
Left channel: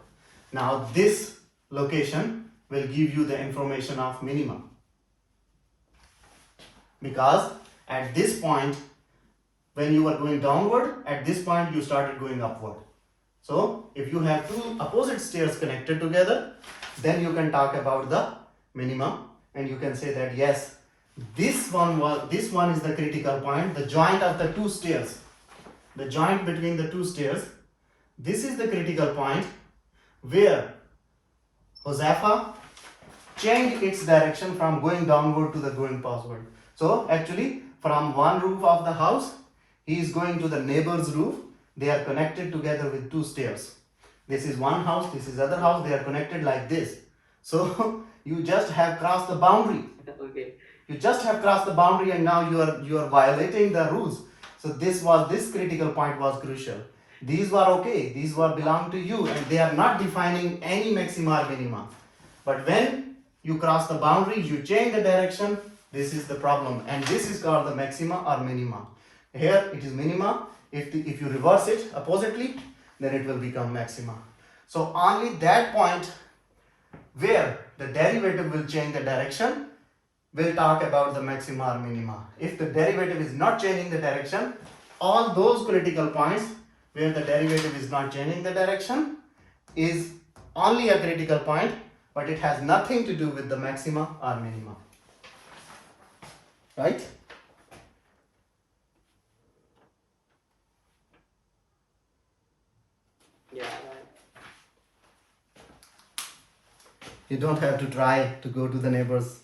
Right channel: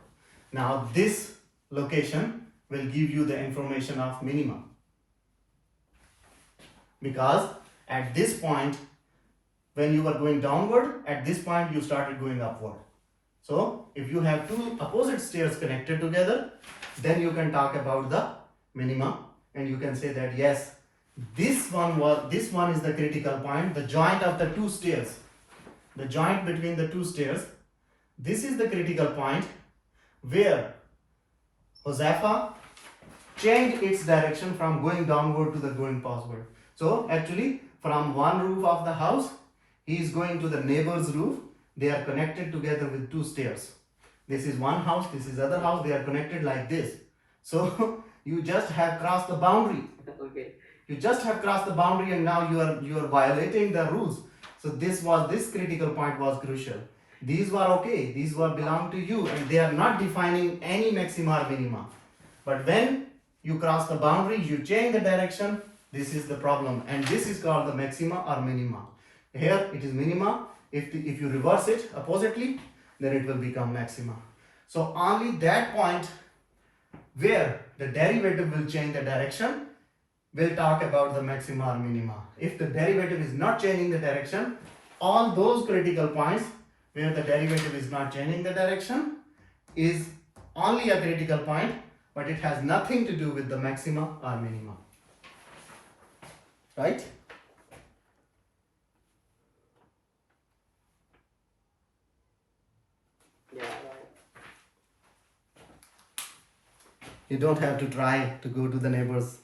Now this location will give you the information of minima, because at this point when you were going downward, at this point you started going upward. So if you have two opposite stairs connected together, then you can talk about the minima and you can say that yes, this one is the critical point, the joint of the two stairs, the joint between the two stairs. This is the critical point where Josefa changed its direction from going downward to the going upward. So actually from one roof of the house, he is going to the neighbor's roof. They are connected together with two stairs. This is one house, this is other house, they are connected like this. So you just have crossed the boundary. Okay. You just have crossed the boundary and now you are violating the rules. So this critical point was crucial. These were okay, these were belong to you and they are not defining any maxima or minima. But when you cross the boundary, you change the direction, this is the problem and this is called the maxima or minima. Here it is minima. If you reverse it oppositely, then it will become maxima. So only that point where the derivative will change the direction, we'll talk about the maxima or minima. If the derivative is not changing the direction, all those critical points where the derivative is not changing the direction is only a critical point, but it has nothing to do with the maxima or minima. Right? Yeah, right. You don't have to try to go to the neighbors.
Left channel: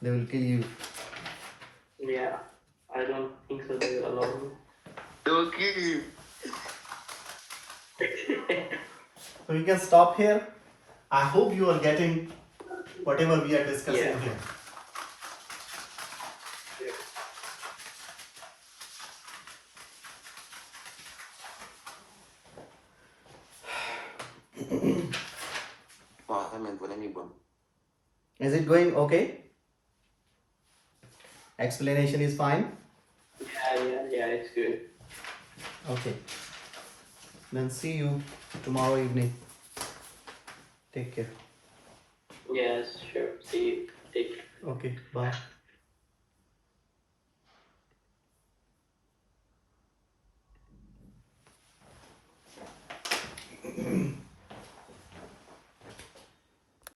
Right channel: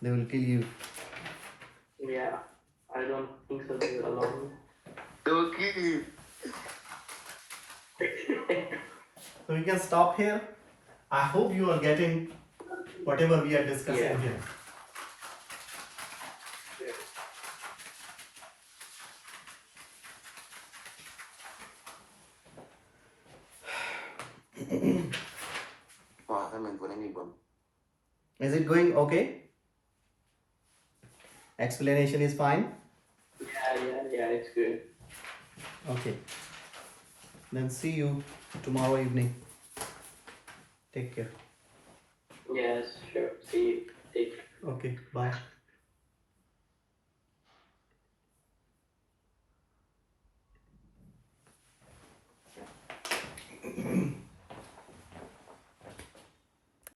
They will kill you. Yeah, I don't think so. They will allow me. They will kill you. So we can stop here. I hope you are getting whatever we are discussing Yeah. here. I meant for anyone. Is it going okay? Explanation is fine? Yeah, it's good. Okay. Then see you tomorrow evening. Take care. Yes, sure. See you. Take care. Okay, bye.